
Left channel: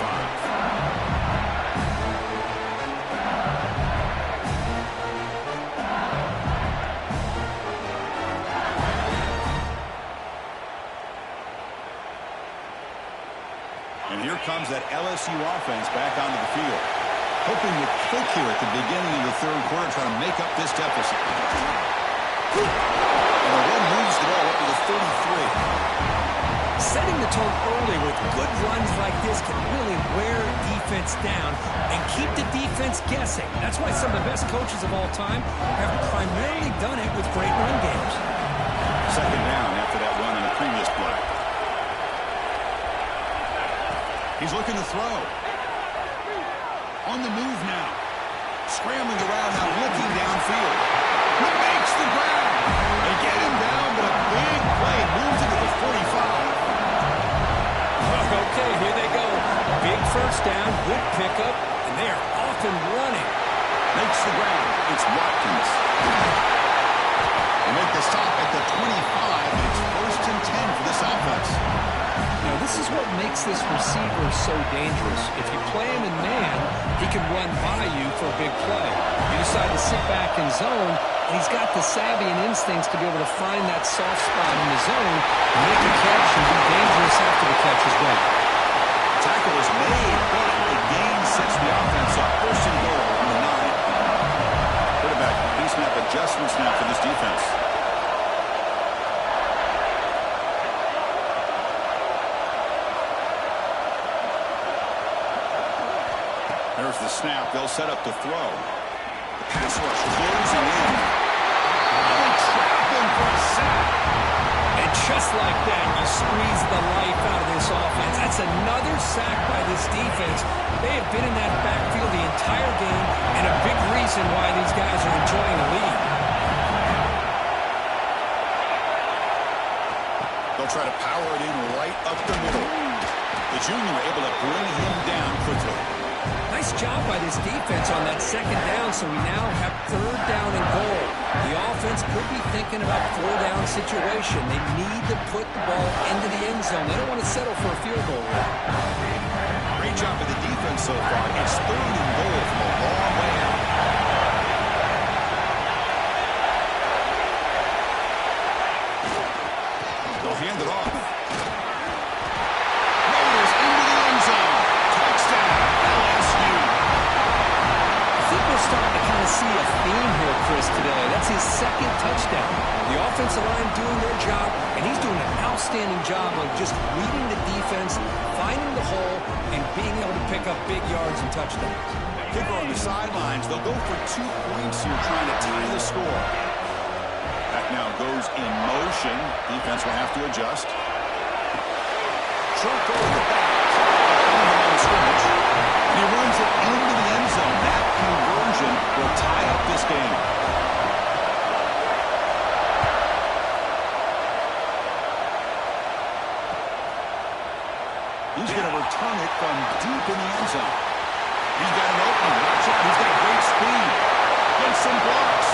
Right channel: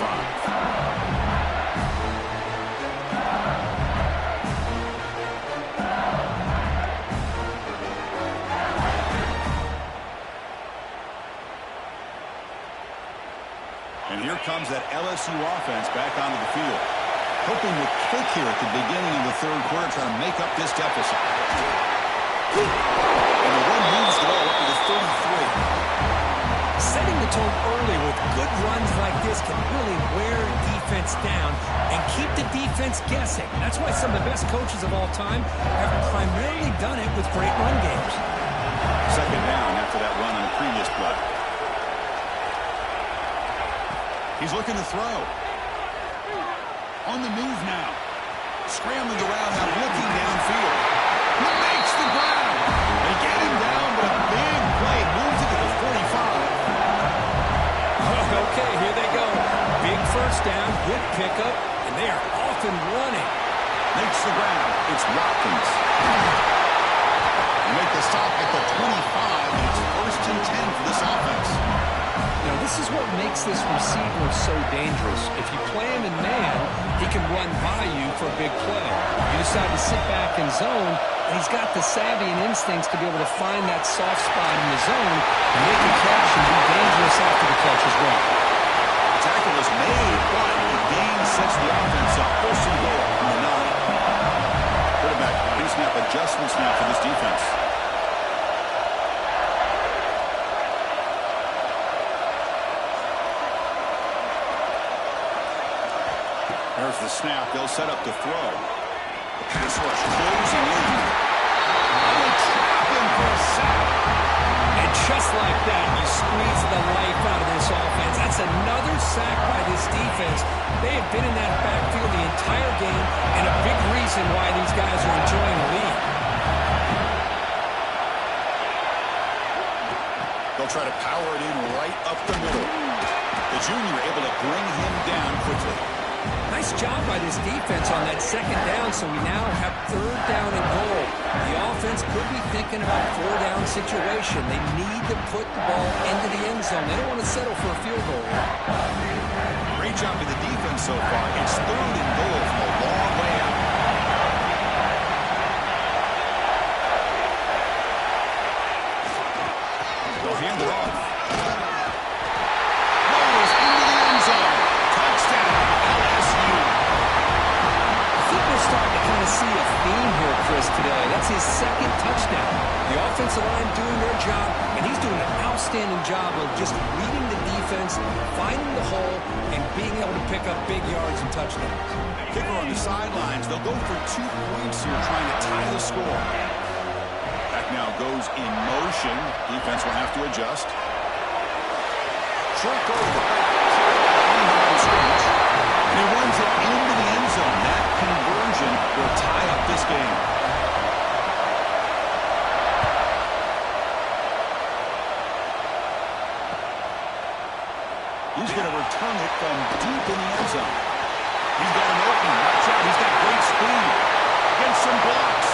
And here comes that LSU offense back onto the field. Hoping to kick here at the beginning of the third quarter, trying to make up this deficit. And the run moves the ball up to the 33. Setting the tone early with good runs like this can really wear defense down and keep the defense guessing. That's why some of the best coaches of all time have primarily done it with great run games. Second down after that run on the previous play. He's looking to throw. On the move now. Scrambling around now, looking downfield. He makes the grab. They get him down, but a big play moves it to the 45. Okay, here they go. Big first down, good pickup, and they are off and running. Makes the grab. It's Watkins. They make the stop at the 25, and it's 1st and 10 for this offense. You know, this is what makes this receiver so dangerous. If you play him in man, he can run by you for a big play. You decide to sit back in zone, and he's got the savvy and instincts to be able to find that soft spot in the zone, make a catch, and be dangerous after the catch as well. The tackle is made, but the gain sets the offense up. 1st and goal on the 9. Quarterback, pre-snap adjustments now for this defense. There's the snap. They'll set up to throw. The pass rush closing in. They trap him for a sack. And just like that, you squeeze the life out of this offense. That's another sack by this defense. They have been in that backfield the entire game, and a big reason why these guys are enjoying the lead. They'll try to power it in right up the middle. The junior able to bring him down quickly. Nice job by this defense on that second down, so we now have 3rd down and goal. The offense could be thinking about 4-down situation. They need to put the ball into the end zone. They don't want to settle for a field goal here. Great job by the defense so far. It's 3rd and goal from a long way out. They'll hand it off. Rolls into the end zone. Touchdown, LSU. I think we're starting to kind of see a theme here, Chris, today. That's his 2nd touchdown. The offensive line doing their job, and he's doing an outstanding job of just reading the defense, finding the hole, and being able to pick up big yards and touchdowns. Kicker on the sidelines. They'll go for 2 points here, trying to tie the score. Back now goes in motion. Defense will have to adjust. Short goal to the back. Behind the line of scrimmage. And he runs it into the end zone. That conversion will tie up this game. He's going to return it from deep in the end zone. He's got an opening. Watch out. He's got great speed. Gets some blocks.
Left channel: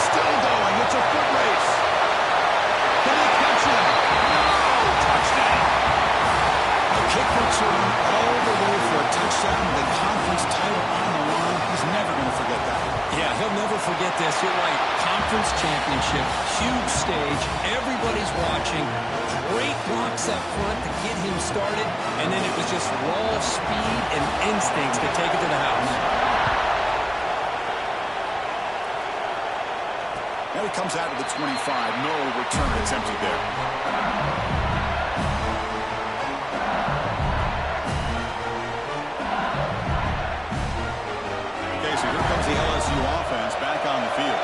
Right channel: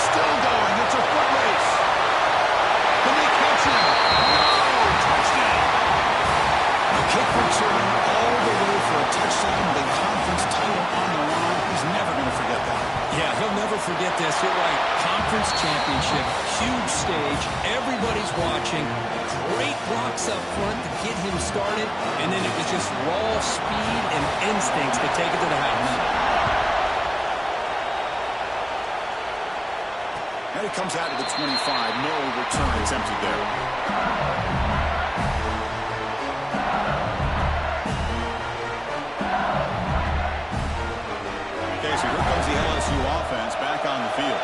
Still going. It's a foot race. Can they catch him? No! Touchdown. A kick return all the way for a touchdown with a conference title on the line. He's never going to forget that. Yeah, he'll never forget this. You're right. Conference championship, huge stage. Everybody's watching. Great blocks up front to get him started. And then it was just raw speed and instincts to take it to the house. And it comes out to the 25. No return attempted there. Okay, so here comes the LSU offense back on the field.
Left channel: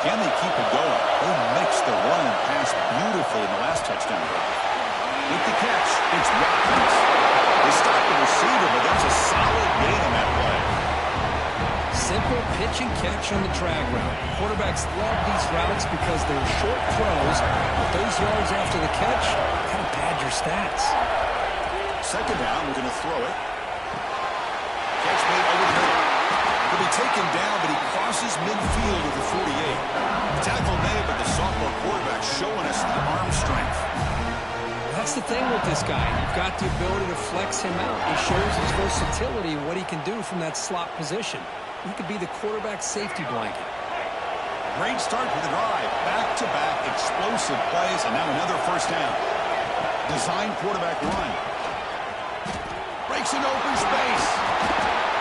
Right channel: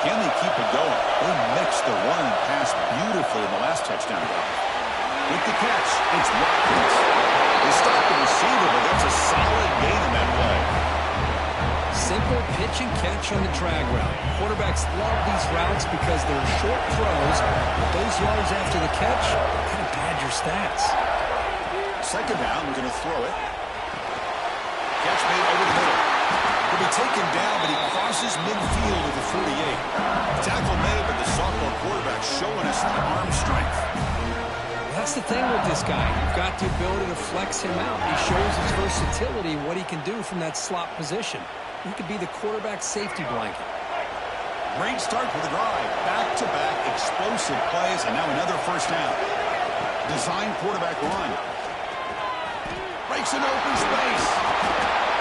Can they keep it going? They mixed the run and pass beautifully in the last touchdown drive. With the catch, it's Watkins. They stopped the receiver, but that's a solid gain on that play. Simple pitch and catch on the drag route. Quarterbacks love these routes because they're short throws, but those yards after the catch kind of pad your stats. Second down, we're going to throw it. Catch made over the middle. He'll be taken down, but he crosses midfield at the 48. Tackle made, but the sophomore quarterback showing us the arm strength. That's the thing with this guy. You've got the ability to flex him out. He shows his versatility and what he can do from that slot position. He could be the quarterback's safety blanket. Great start to the drive. Back-to-back explosive plays, and now another first down. Design quarterback run. Breaks an open space.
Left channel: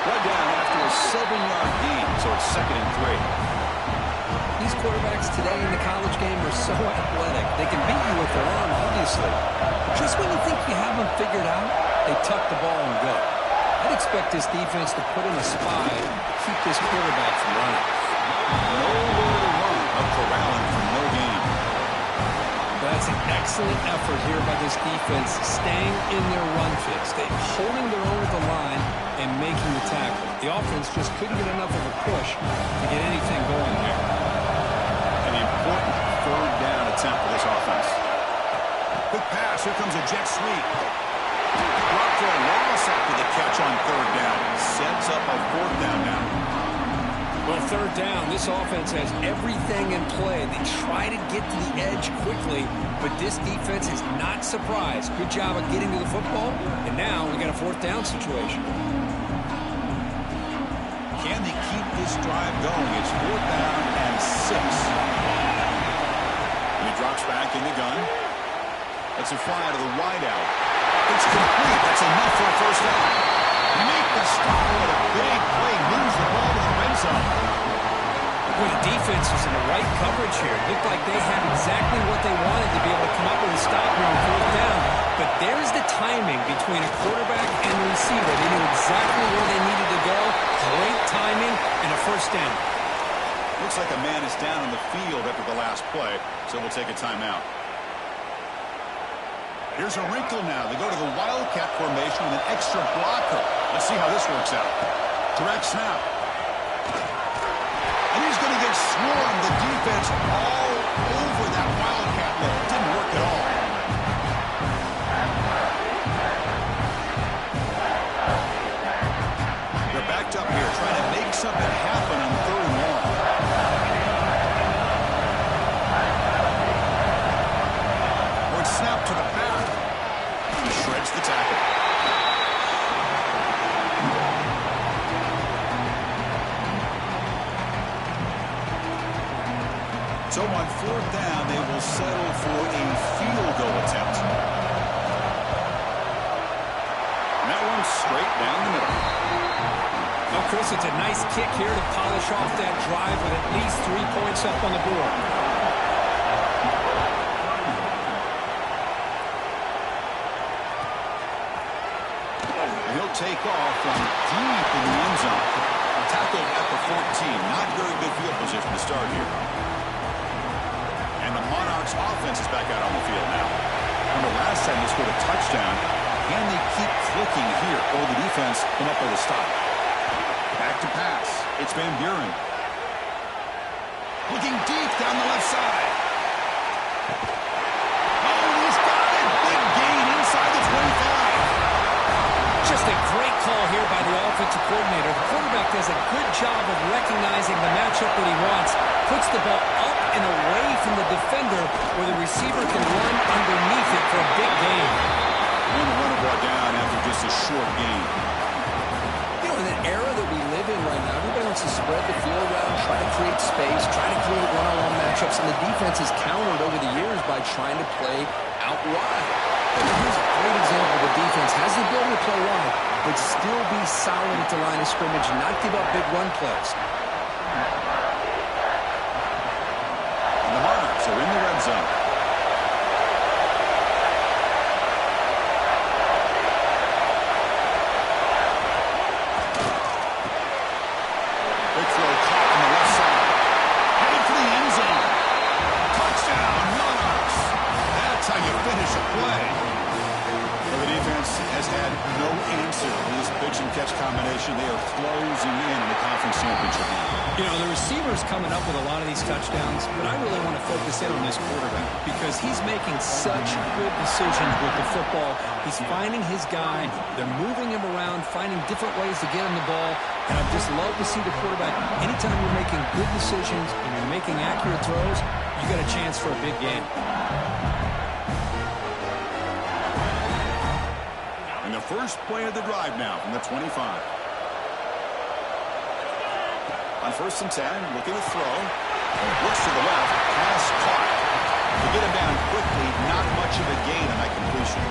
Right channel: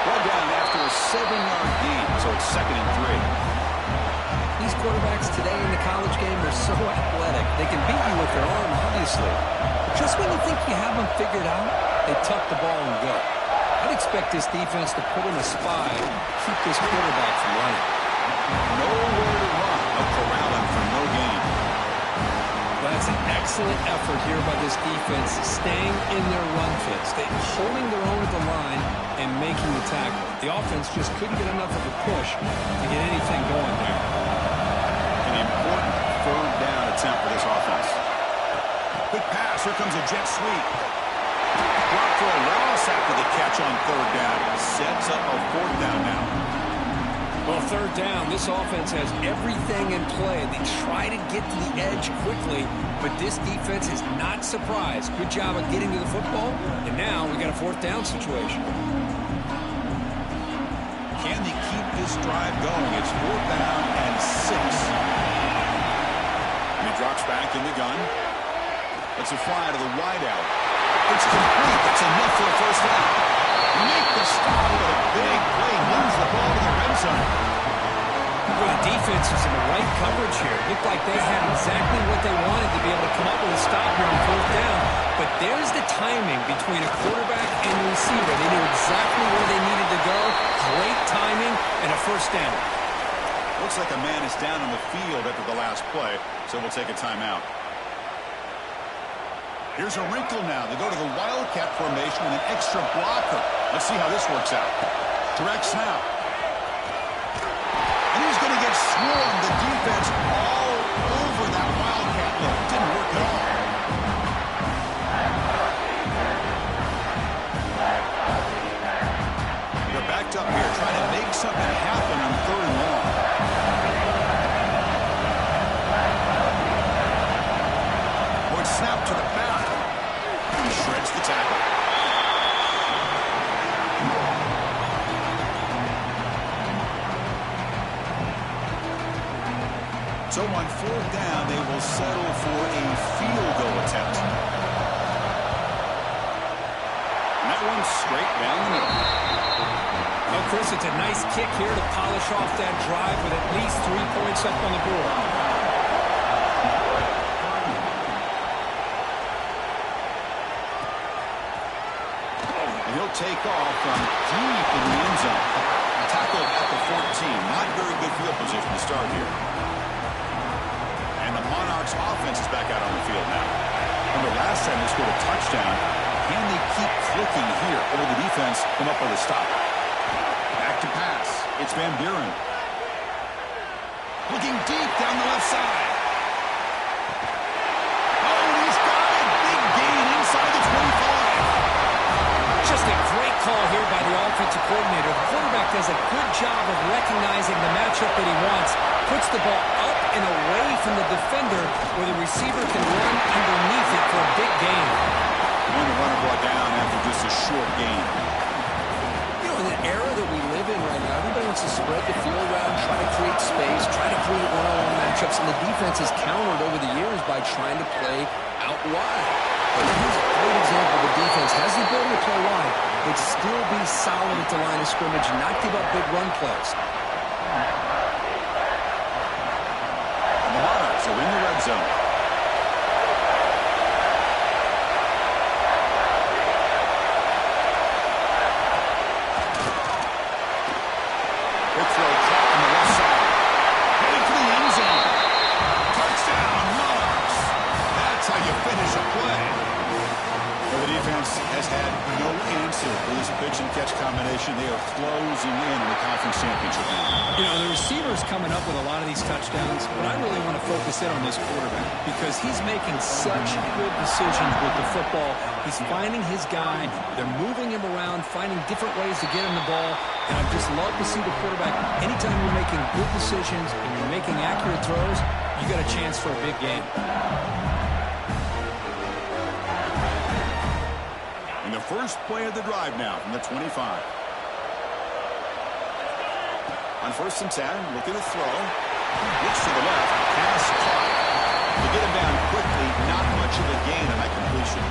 Brought down after a 7-yard gain, so it's 2nd and 3. These quarterbacks today in the college game are so athletic. They can beat you with their arm, obviously. But just when you think you have them figured out, they tuck the ball and go. I'd expect this defense to put in a spy to keep this quarterback from running. Nowhere to run. A corralling for no gain. That's an excellent effort here by this defense, staying in their run fits, holding their own at the line and making the tackle. The offense just couldn't get enough of a push to get anything going there. An important third down attempt for this offense. Quick pass. Here comes a jet sweep. Dropped for a loss after the catch on third down. Sets up a fourth down now. Well, third down, this offense has everything in play. They try to get to the edge quickly, but this defense is not surprised. Good job of getting to the football, and now we got a fourth down situation. Can they keep this drive going? It's 4th down and 6. And he drops back in the gun. That's a fly to the wideout. It's complete. That's enough for a first down. Make the stop, but a big play moves the ball to the red zone. Well, the defense was in the right coverage here. Looked like they had exactly what they wanted to be able to come up with a stop here on 4th down. But there's the timing between a quarterback and the receiver. They knew exactly where they needed to go. Great timing and a first down. Looks like a man is down on the field after the last play, so we'll take a timeout. Here's a wrinkle now. They go to the Wildcat formation with an extra blocker. Let's see how this works out. Direct snap. And he's going to get swarmed. The defense all over that Wildcat look. Didn't work at all. They're backed up here trying to make something happen on 3rd and long. Word snap to the back. He shreds the tackle. So on 4th down, they will settle for a field goal attempt. And that one's straight down the middle. Oh, Chris, it's a nice kick here to polish off that drive with at least 3 points up on the board. And he'll take off from deep in the end zone. Tackled at the 14. Not very good field position to start here. And the Monarchs offense is back out on the field now. Remember, last time they scored a touchdown. Can they keep clicking here? Or will the defense come up with a stop? Back to pass. It's Van Buren. Looking deep down the left side. Oh, he's got it. Big gain inside the 25. Just a great call here by the offensive coordinator. The quarterback does a good job of recognizing the matchup that he wants. Puts the ball up and away from the defender where the receiver can run underneath it for a big gain. And the runner brought down after just a short gain. You know, in the era that we live in right now, everybody wants to spread the field around, try to create space, try to create one-on-one matchups, and the defense has countered over the years by trying to play out wide. But here's a great example. The defense has the ability to play wide, but still be solid at the line of scrimmage, not give up big run plays. And the Monarchs are in the red zone. Big throw caught on the left side. Heading for the end zone. Touchdown, Monarchs. That's how you finish a play. Well, the defense has had no answer for this pitch-and-catch combination. They are closing in the conference championship game. You know, the receiver's coming up with a lot of these touchdowns, but I really want to focus in on this quarterback because he's making such good decisions with the football. He's finding his guy. They're moving him around, finding different ways to get him the ball, and I just love to see the quarterback. Anytime you're making good decisions and you're making accurate throws, you got a chance for a big game. And the first play of the drive now from the 25. On 1st and 10, look at the throw. Looks to the left, pass caught. To get him down quickly, not much of a gain on that completion.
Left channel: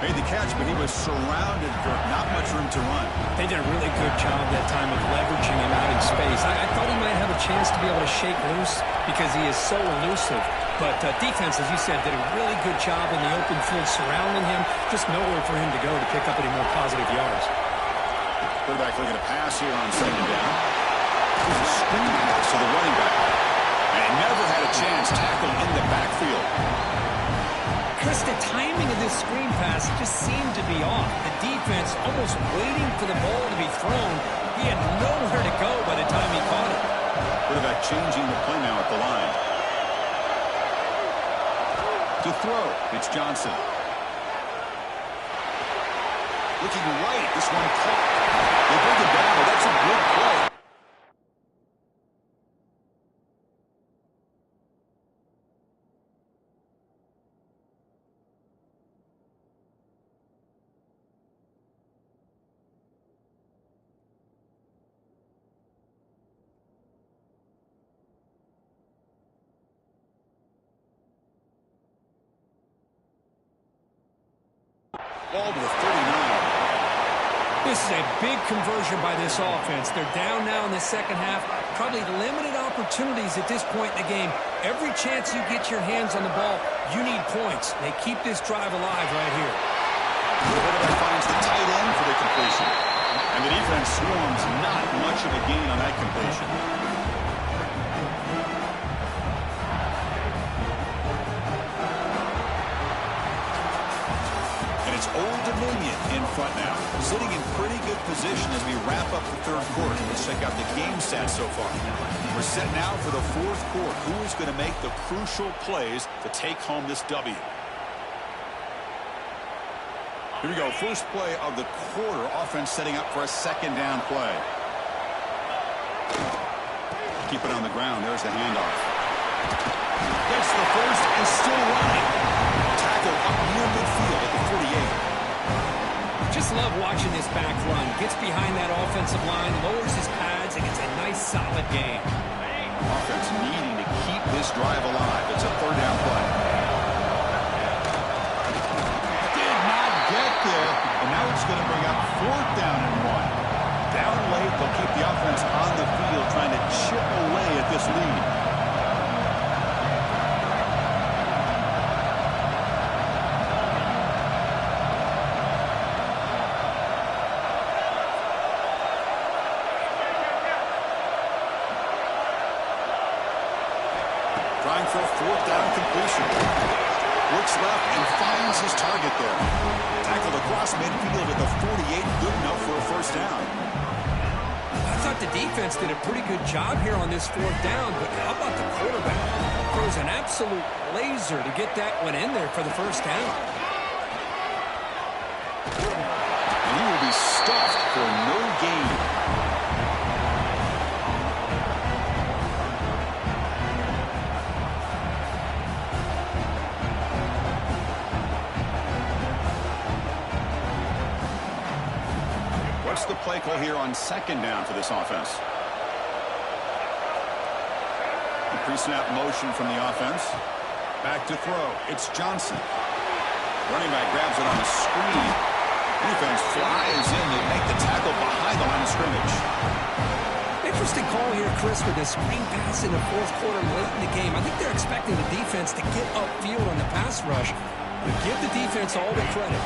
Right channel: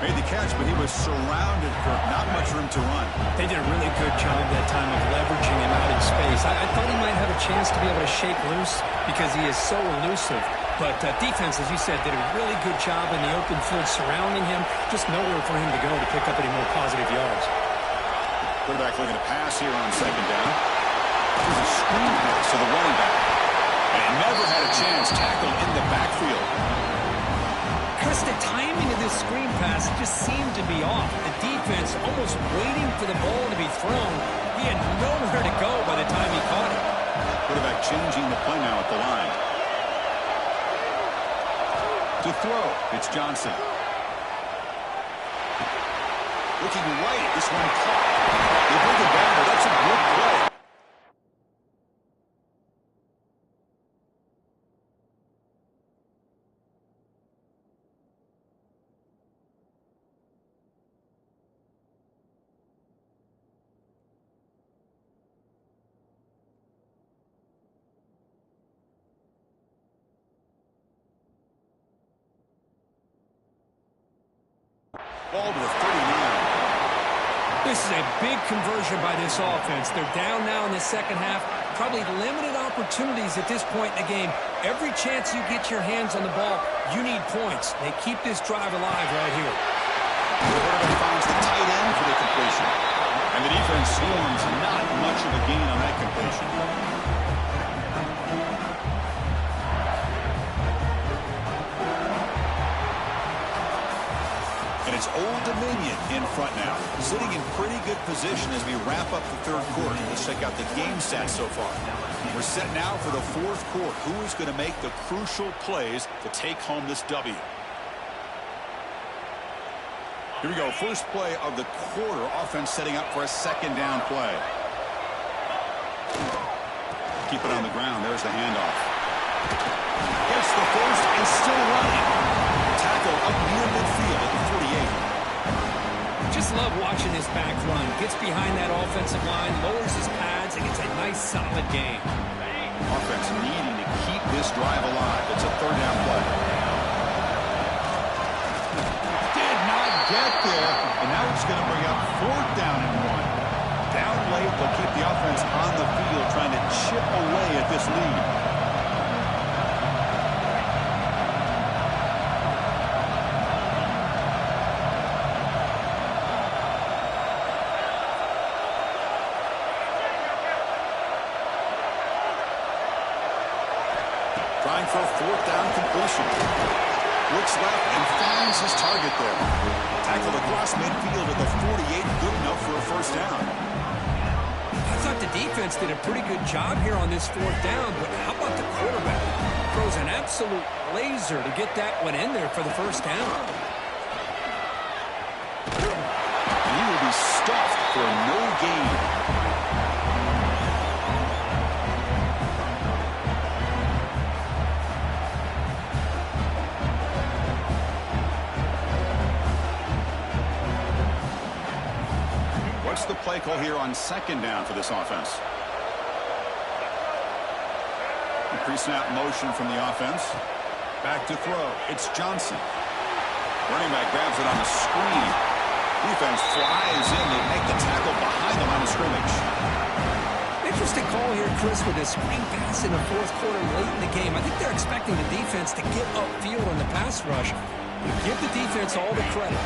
Made the catch, but he was surrounded for not much room to run. They did a really good job that time of leveraging him out in space. I thought he might have a chance to be able to shake loose because he is so elusive. But defense, as you said, did a really good job in the open field surrounding him. Just nowhere for him to go to pick up any more positive yards. Quarterback looking to pass here on 2nd down. Here's a screen pass to the running back. And he never had a chance tackled in the backfield. Chris, the timing of this screen pass just seemed to be off. The defense almost waiting for the ball to be thrown. He had nowhere to go by the time he caught it. Quarterback changing the play now at the line. To throw, it's Johnson. Looking right, this one caught. They bring it down, but that's a good play. Ball to the 39. This is a big conversion by this offense. They're down now in the second half. Probably limited opportunities at this point in the game. Every chance you get your hands on the ball, you need points. They keep this drive alive right here. The quarterback finds the tight end for the completion. And the defense swarms not much of a gain on that completion. And it's Old Dominion in front now, sitting in pretty good position as we wrap up the 3rd quarter. Let's check out the game stats so far. We're set now for the 4th quarter. Who is going to make the crucial plays to take home this W? Here we go. First play of the quarter. Offense setting up for a 2nd down play. Keep it on the ground. There's the handoff. Gets the first and still running. Tackle up near midfield at the 48. Just love watching this back run. Gets behind that offensive line, lowers his pads, and gets a nice solid gain. Offense needing to keep this drive alive. It's a 3rd down play. Did not get there, and now it's going to bring up 4th down and 1. Down late, they'll keep the offense on the field trying to chip away at this lead. Trying for a 4th down completion. Looks left and finds his target there. Tackled across midfield at the 48, good enough for a first down. I thought the defense did a pretty good job here on this fourth down, but how about the quarterback? Throws an absolute laser to get that one in there for the first down. And he will be stuffed for no gain. What's the play call here on second down for this offense? Pre-snap motion from the offense. Back to throw. It's Johnson. Running back grabs it on a screen. Defense flies in to make the tackle behind the line of scrimmage. Interesting call here, Chris, with a screen pass in the fourth quarter late in the game. I think they're expecting the defense to get upfield on the pass rush. But give the defense all the credit.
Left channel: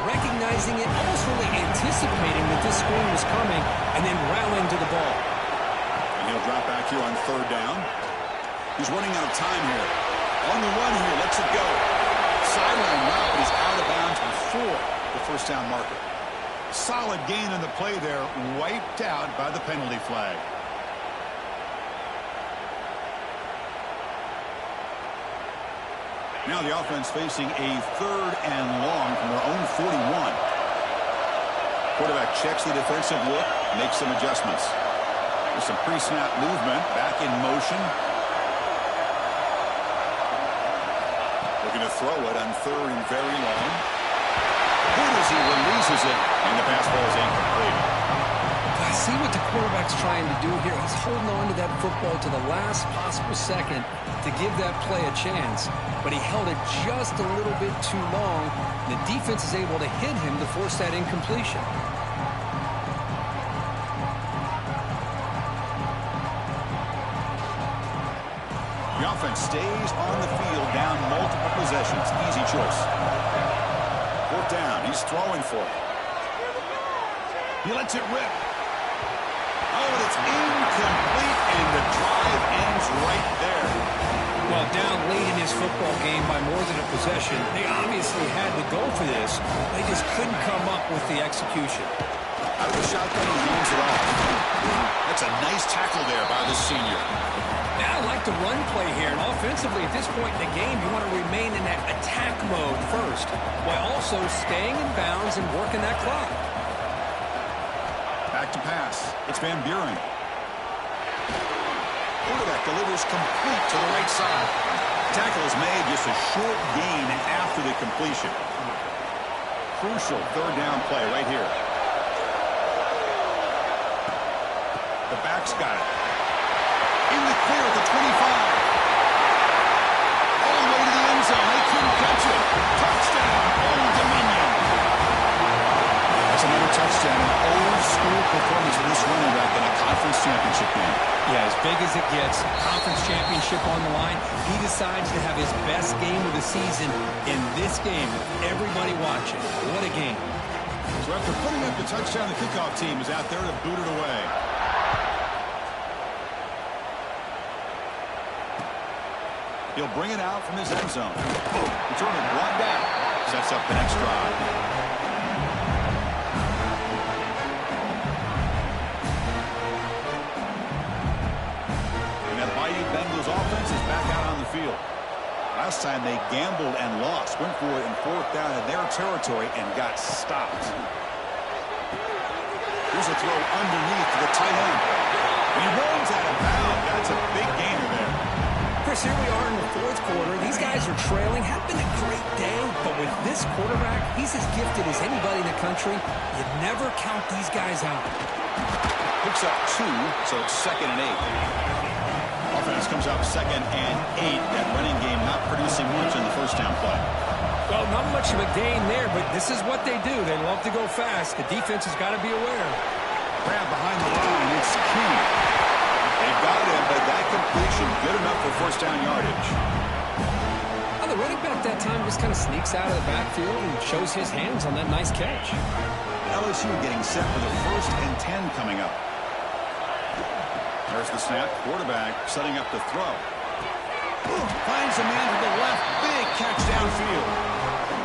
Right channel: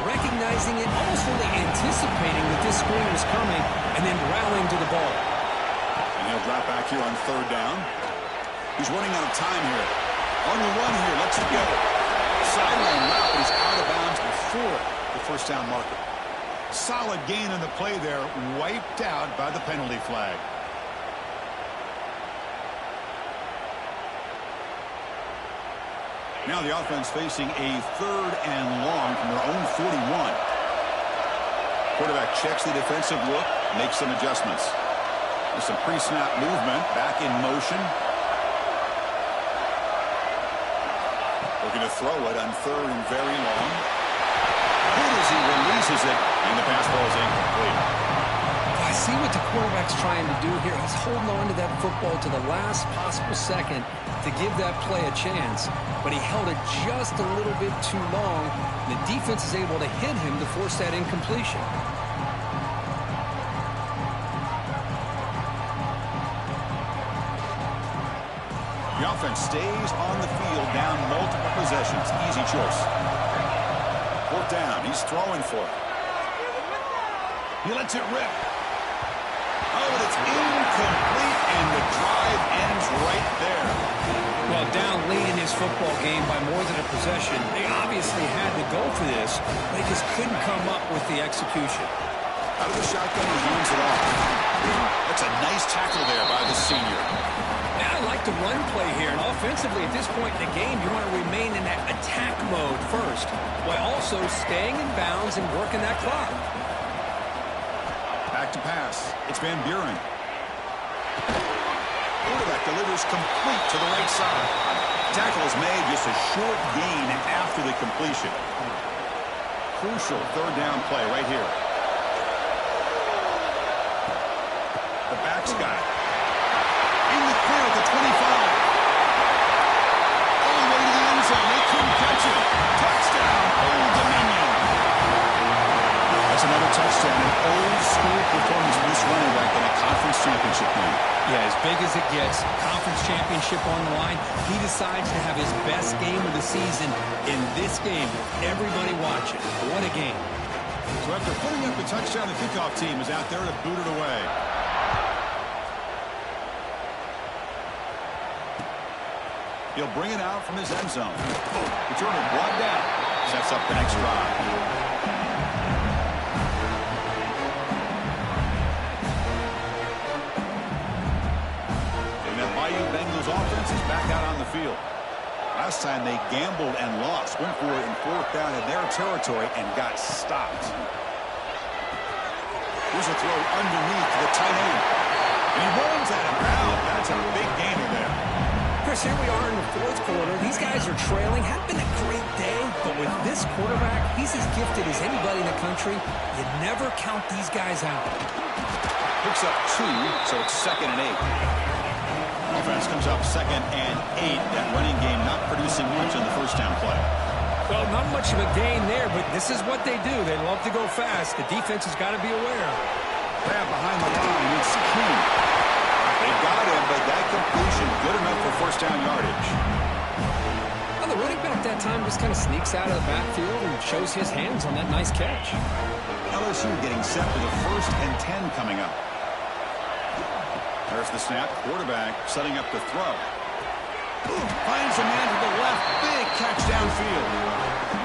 Recognizing it, almost really anticipating that this screen was coming, and then rallying to the ball. And he'll drop back here on third down. He's running out of time here. On the run here, lets it go. Sideline route, but he's out of bounds before the first down marker. Solid gain on the play there, wiped out by the penalty flag. Now the offense facing a third and long from their own 41. Quarterback checks the defensive look, makes some adjustments. There's some pre-snap movement, back in motion. Looking to throw it on third and very long. Good as he releases it, and the pass ball is incomplete. I see what the quarterback's trying to do here. He's holding on to that football to the last possible second to give that play a chance. But he held it just a little bit too long. The defense is able to hit him to force that incompletion. The offense stays on the field, down multiple possessions. Easy choice. Fourth down. He's throwing for it. He lets it rip. Oh, but it's incomplete, and the drive ends right there. Well, down late in his football game by more than a possession, they obviously had to go for this. They just couldn't come up with the execution. Out of the shotgun, he hands it off. That's a nice tackle there by the senior. Yeah, I like the run play here. And offensively, at this point in the game, you want to remain in that attack mode first, while also staying in bounds and working that clock. Back to pass. It's Van Buren. Quarterback delivers complete to the right side. Tackle is made, just a short gain after the completion. Crucial third down play right here. The back's got it. In the clear at the 25. All the way to the end zone. They couldn't catch him. Touchdown, Old Dominion. That's another touchdown, an old-school performance from this running back in a conference championship game. Yeah, as big as it gets, conference championship on the line, he decides to have his best game of the season in this game with everybody watching. What a game. So after putting up the touchdown, the kickoff team is out there to boot it away. He'll bring it out from his end zone. Returner brought down. Sets up the next drive. Bayou Bengals offense is back out on the field. Last time they gambled and lost. Went for it in fourth down in their territory and got stopped. Here's a throw underneath to the tight end. And he rolls out of bounds. That's a big gainer there. Chris, here we are in the fourth quarter. These guys are trailing. Had been a great day, but with this quarterback, he's as gifted as anybody in the country. You never count these guys out. Picks up 2, so it's 2nd and 8. Offense comes up 2nd and 8. That running game not producing much in the first down play. Well, not much of a gain there, but this is what they do. They love to go fast. The defense has got to be aware. Grab behind the line. It's King. They got him, but that completion good enough for first down yardage. Well, the running back that time just kind of sneaks out of the backfield and shows his hands on that nice catch. LSU getting set for the 1st and 10 coming up. There's the snap. Quarterback setting up to throw. Finds a man to the left. Big catch downfield.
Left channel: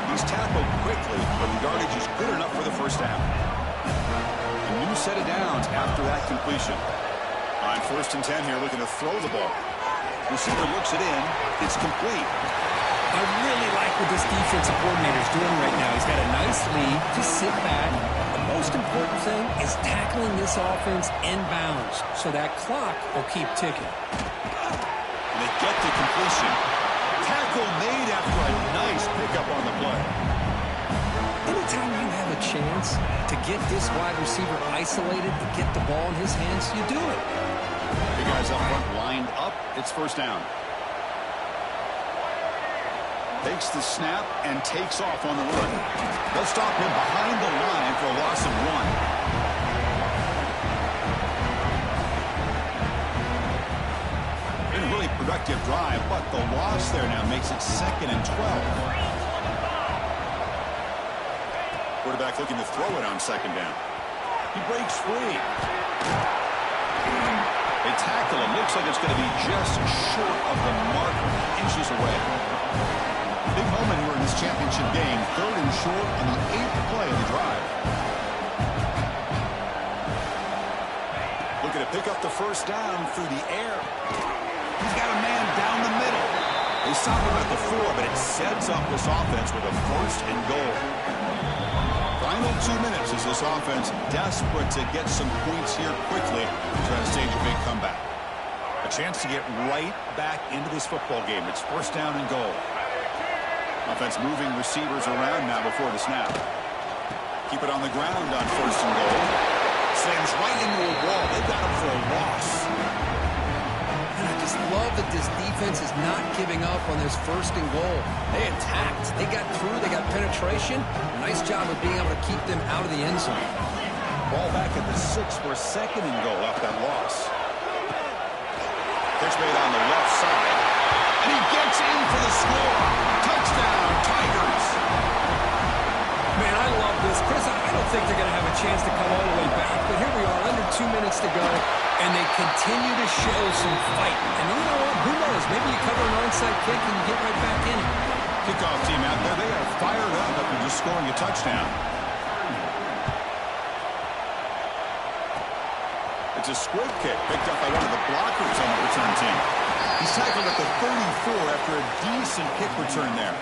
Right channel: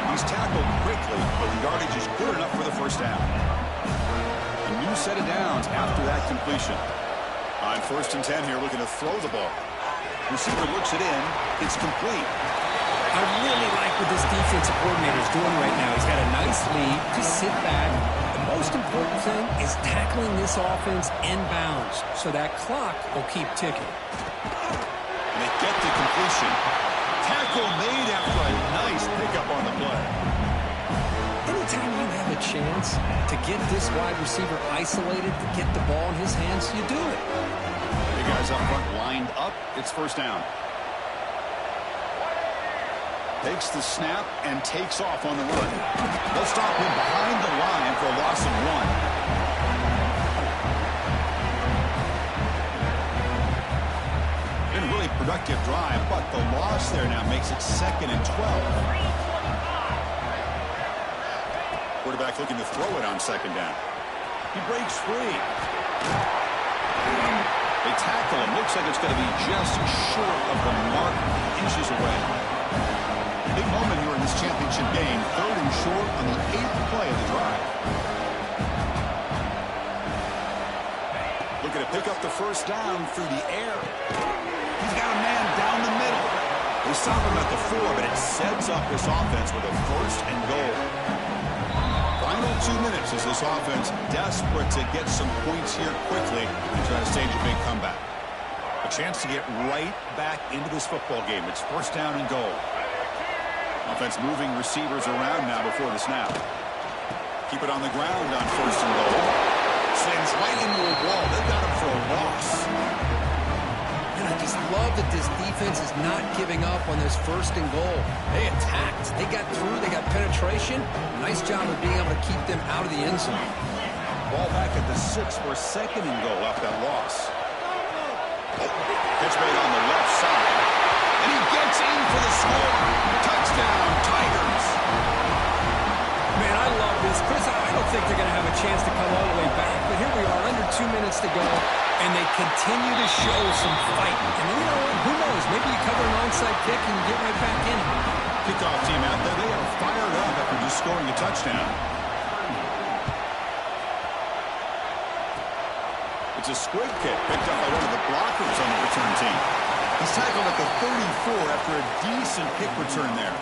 He's tackled quickly, but the yardage is good enough for the first down. A new set of downs after that completion. On 1st and 10 here, looking to throw the ball. Receiver looks it in. It's complete. I really like what this defensive coordinator is doing right now. He's got a nice lead. Just sit back. The most important thing is tackling this offense inbounds so that clock will keep ticking. And they get the completion. Tackle made after a nice pickup on the play. Anytime you have a chance to get this wide receiver isolated, to get the ball in his hands, you do it. The guys up front lined up. It's first down. Takes the snap and takes off on the run. They'll stop him behind the line for a loss of 1. Been a really productive drive, but the loss there now makes it 2nd and 12. Quarterback looking to throw it on 2nd down. He breaks free. They tackle him. Looks like it's going to be just short of the mark, inches away. Big moment here in this championship game. 3rd and short on the 8th play of the drive. Looking to pick up the first down through the air. He's got a man down the middle. They stop him at the 4, but it sets up this offense with a 1st and goal. Final 2 minutes as this offense desperate to get some points here quickly and try to stage a big comeback. A chance to get right back into this football game. It's 1st down and goal. Offense moving receivers around now before the snap. Keep it on the ground on 1st and goal. Slams right into a wall. They've got him for a loss. And I just love that this defense is not giving up on this 1st and goal. They attacked. They got through. They got penetration. Nice job of being able to keep them out of the end zone. Ball back at the 6 for 2nd and goal off that loss. Pitch made on the left side. And he gets in for the score. Touchdown, Tigers. Man, I love this. Chris, I don't think they're going to have a chance to come all the way back, but here we are, under 2 minutes to go, and they continue to show some fight. And you know what? Who knows? Maybe you cover an onside kick and you get right back in it. Kickoff team out there. They are fired up after just scoring a touchdown. It's a squib kick picked up by one of the blockers on the return team. He's tackled at the 34 after a decent kick return there.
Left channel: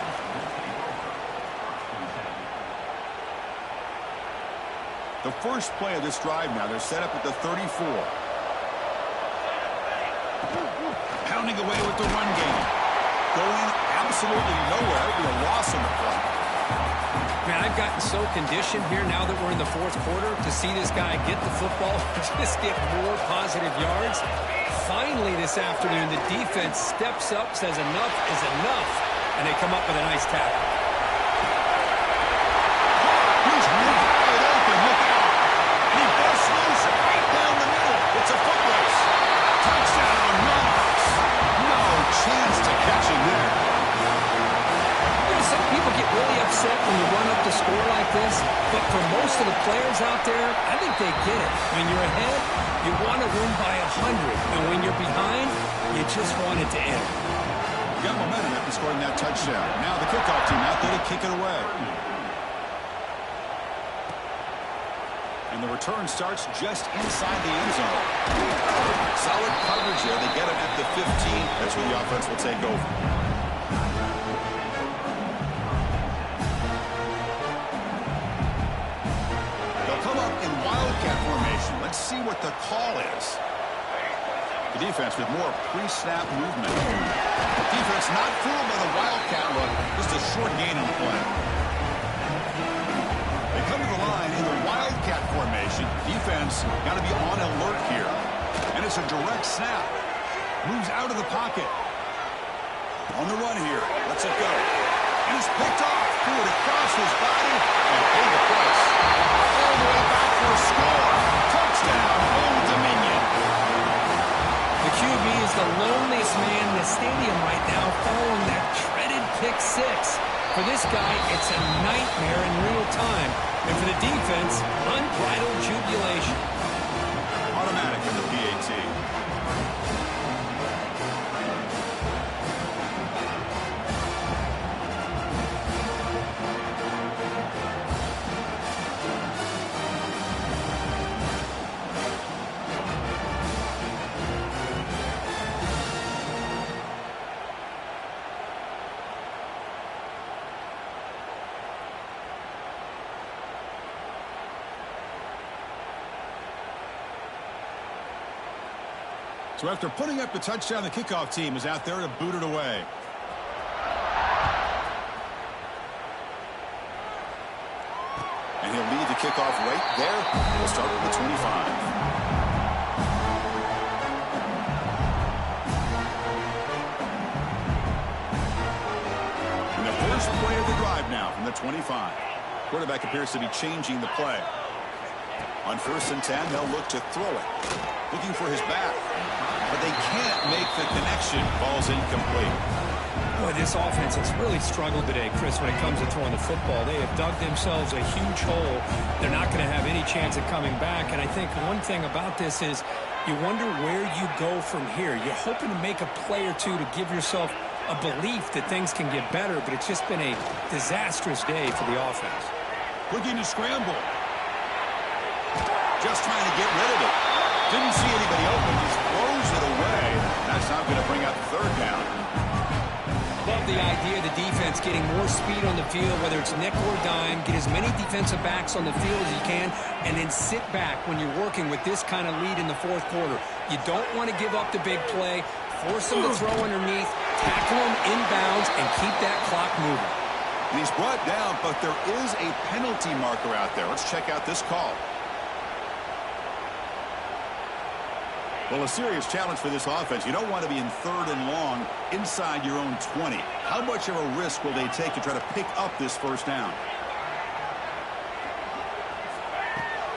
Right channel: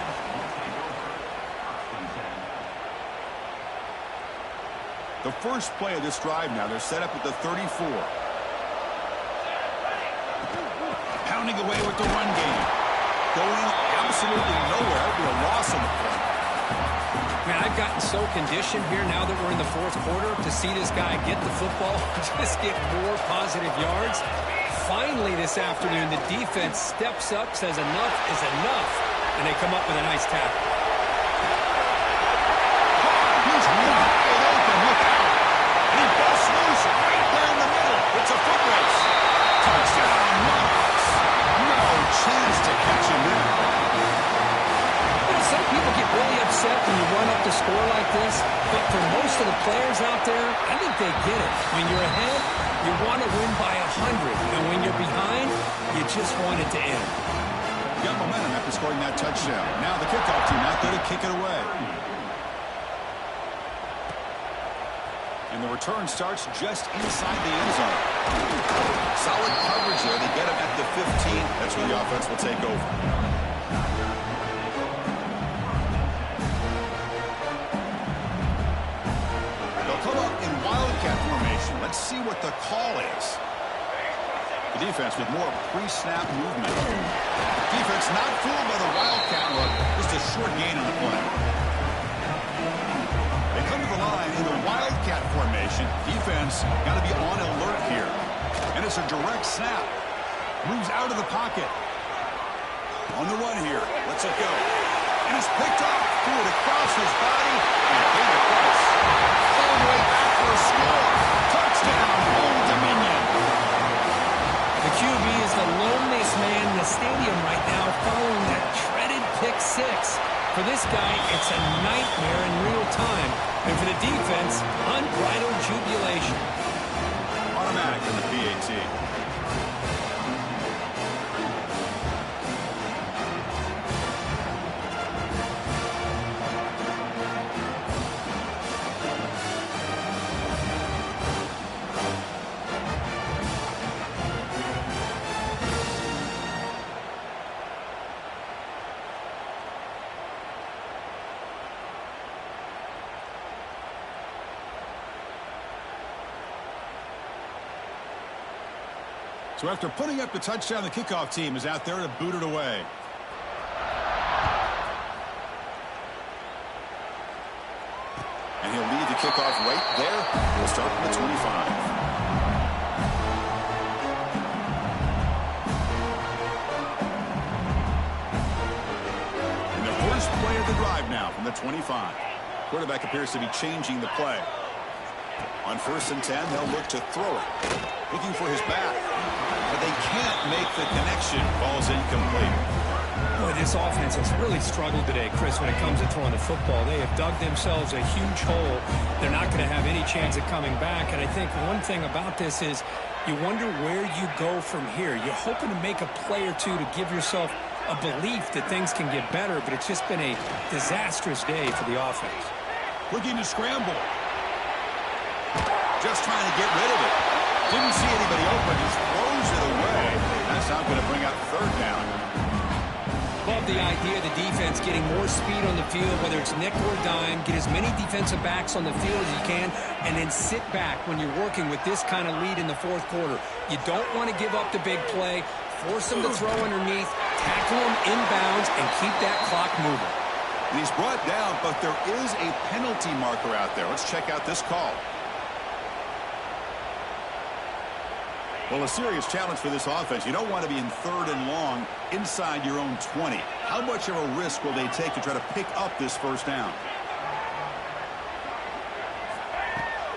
The first play of this drive now, they're set up at the 34. Pounding away with the run game. Going absolutely nowhere. It would be a loss on the play. Man, I've gotten so conditioned here now that we're in the 4th quarter to see this guy get the football, just get more positive yards. Finally this afternoon, the defense steps up, says enough is enough, and they come up with a nice tackle. He's wide open, look out. And he busts loose right down the middle. It's a foot race. Touchdown, Monarchs. No chance to catch him there. You know, some people get really upset when you run up the score like this, but for most of the players out there, I think they get it. When you're ahead, you want to win by 100, and when you're behind, you just want it to end. You got momentum after scoring that touchdown. Now the kickoff team out there to kick it away. And the return starts just inside the end zone. Solid coverage there. They get him at the 15. That's where the offense will take over. They'll come up in wildcat formation. Let's see what the call is. The defense with more pre-snap movement. Defense not fooled by the wildcat look. Just a short gain on the play. They come to the line in the wildcat formation. Defense got to be on alert here. And it's a direct snap. Moves out of the pocket. On the run here. Lets it go. And it's picked off. Threw it across his body and paid the price. All the way back for a score. Touchdown, Old Dominion. The QB is the loneliest man in the stadium right now following that treaded pick 6. For this guy, it's a nightmare in real time. And for the defense, unbridled jubilation. Automatic in the PAT. So after putting up the touchdown, the kickoff team is out there to boot it away. And he'll lead the kickoff right there. We'll start with the 25. And the first play of the drive now from the 25. Quarterback appears to be changing the play. On 1st and 10, they'll look to throw it. Looking for his back. But they can't make the connection. Ball's incomplete. Boy, this offense has really struggled today, Chris, when it comes to throwing the football. They have dug themselves a huge hole. They're not going to have any chance of coming back. And I think one thing about this is you wonder where you go from here. You're hoping to make a play or two to give yourself a belief that things can get better, but it's just been a disastrous day for the offense. Looking to scramble. Just trying to get rid of it. Didn't see anybody open. Just throws it away. That's not going to bring up 3rd down. Love the idea of the defense getting more speed on the field, whether it's nickel or dime, get as many defensive backs on the field as you can, and then sit back when you're working with this kind of lead in the 4th quarter. You don't want to give up the big play, force them to throw underneath, tackle them inbounds, and keep that clock moving. And he's brought down, but there is a penalty marker out there. Let's check out this call. Well, a serious challenge for this offense. You don't want to be in 3rd and long inside your own 20. How much of a risk will they take to try to pick up this 1st down?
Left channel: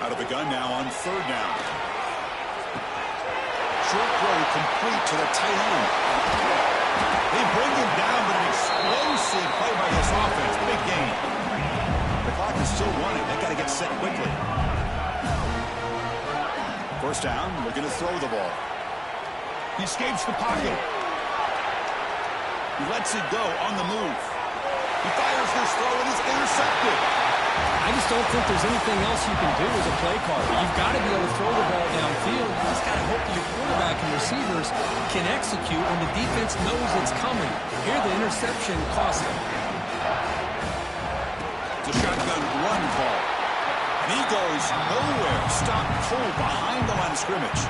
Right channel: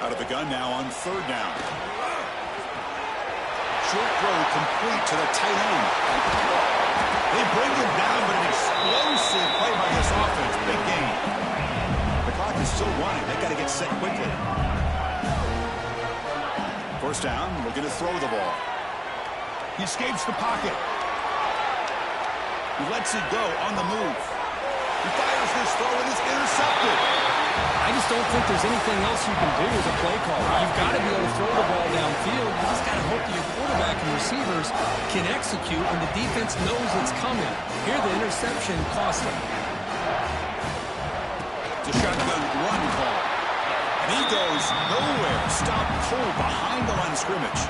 Out of the gun now on 3rd down. Short throw complete to the tight end. They bring him down, but an explosive play by this offense. Big gain. The clock is still running. They've got to get set quickly. 1st down, looking to throw the ball. He escapes the pocket. He lets it go on the move. He fires this throw and is intercepted. I just don't think there's anything else you can do as a play caller. You've got to be able to throw the ball downfield. You just got to hope that your quarterback and receivers can execute when the defense knows it's coming. Here, the interception cost him. It's a shotgun run call. And he goes nowhere. Stopped cold behind the line of scrimmage.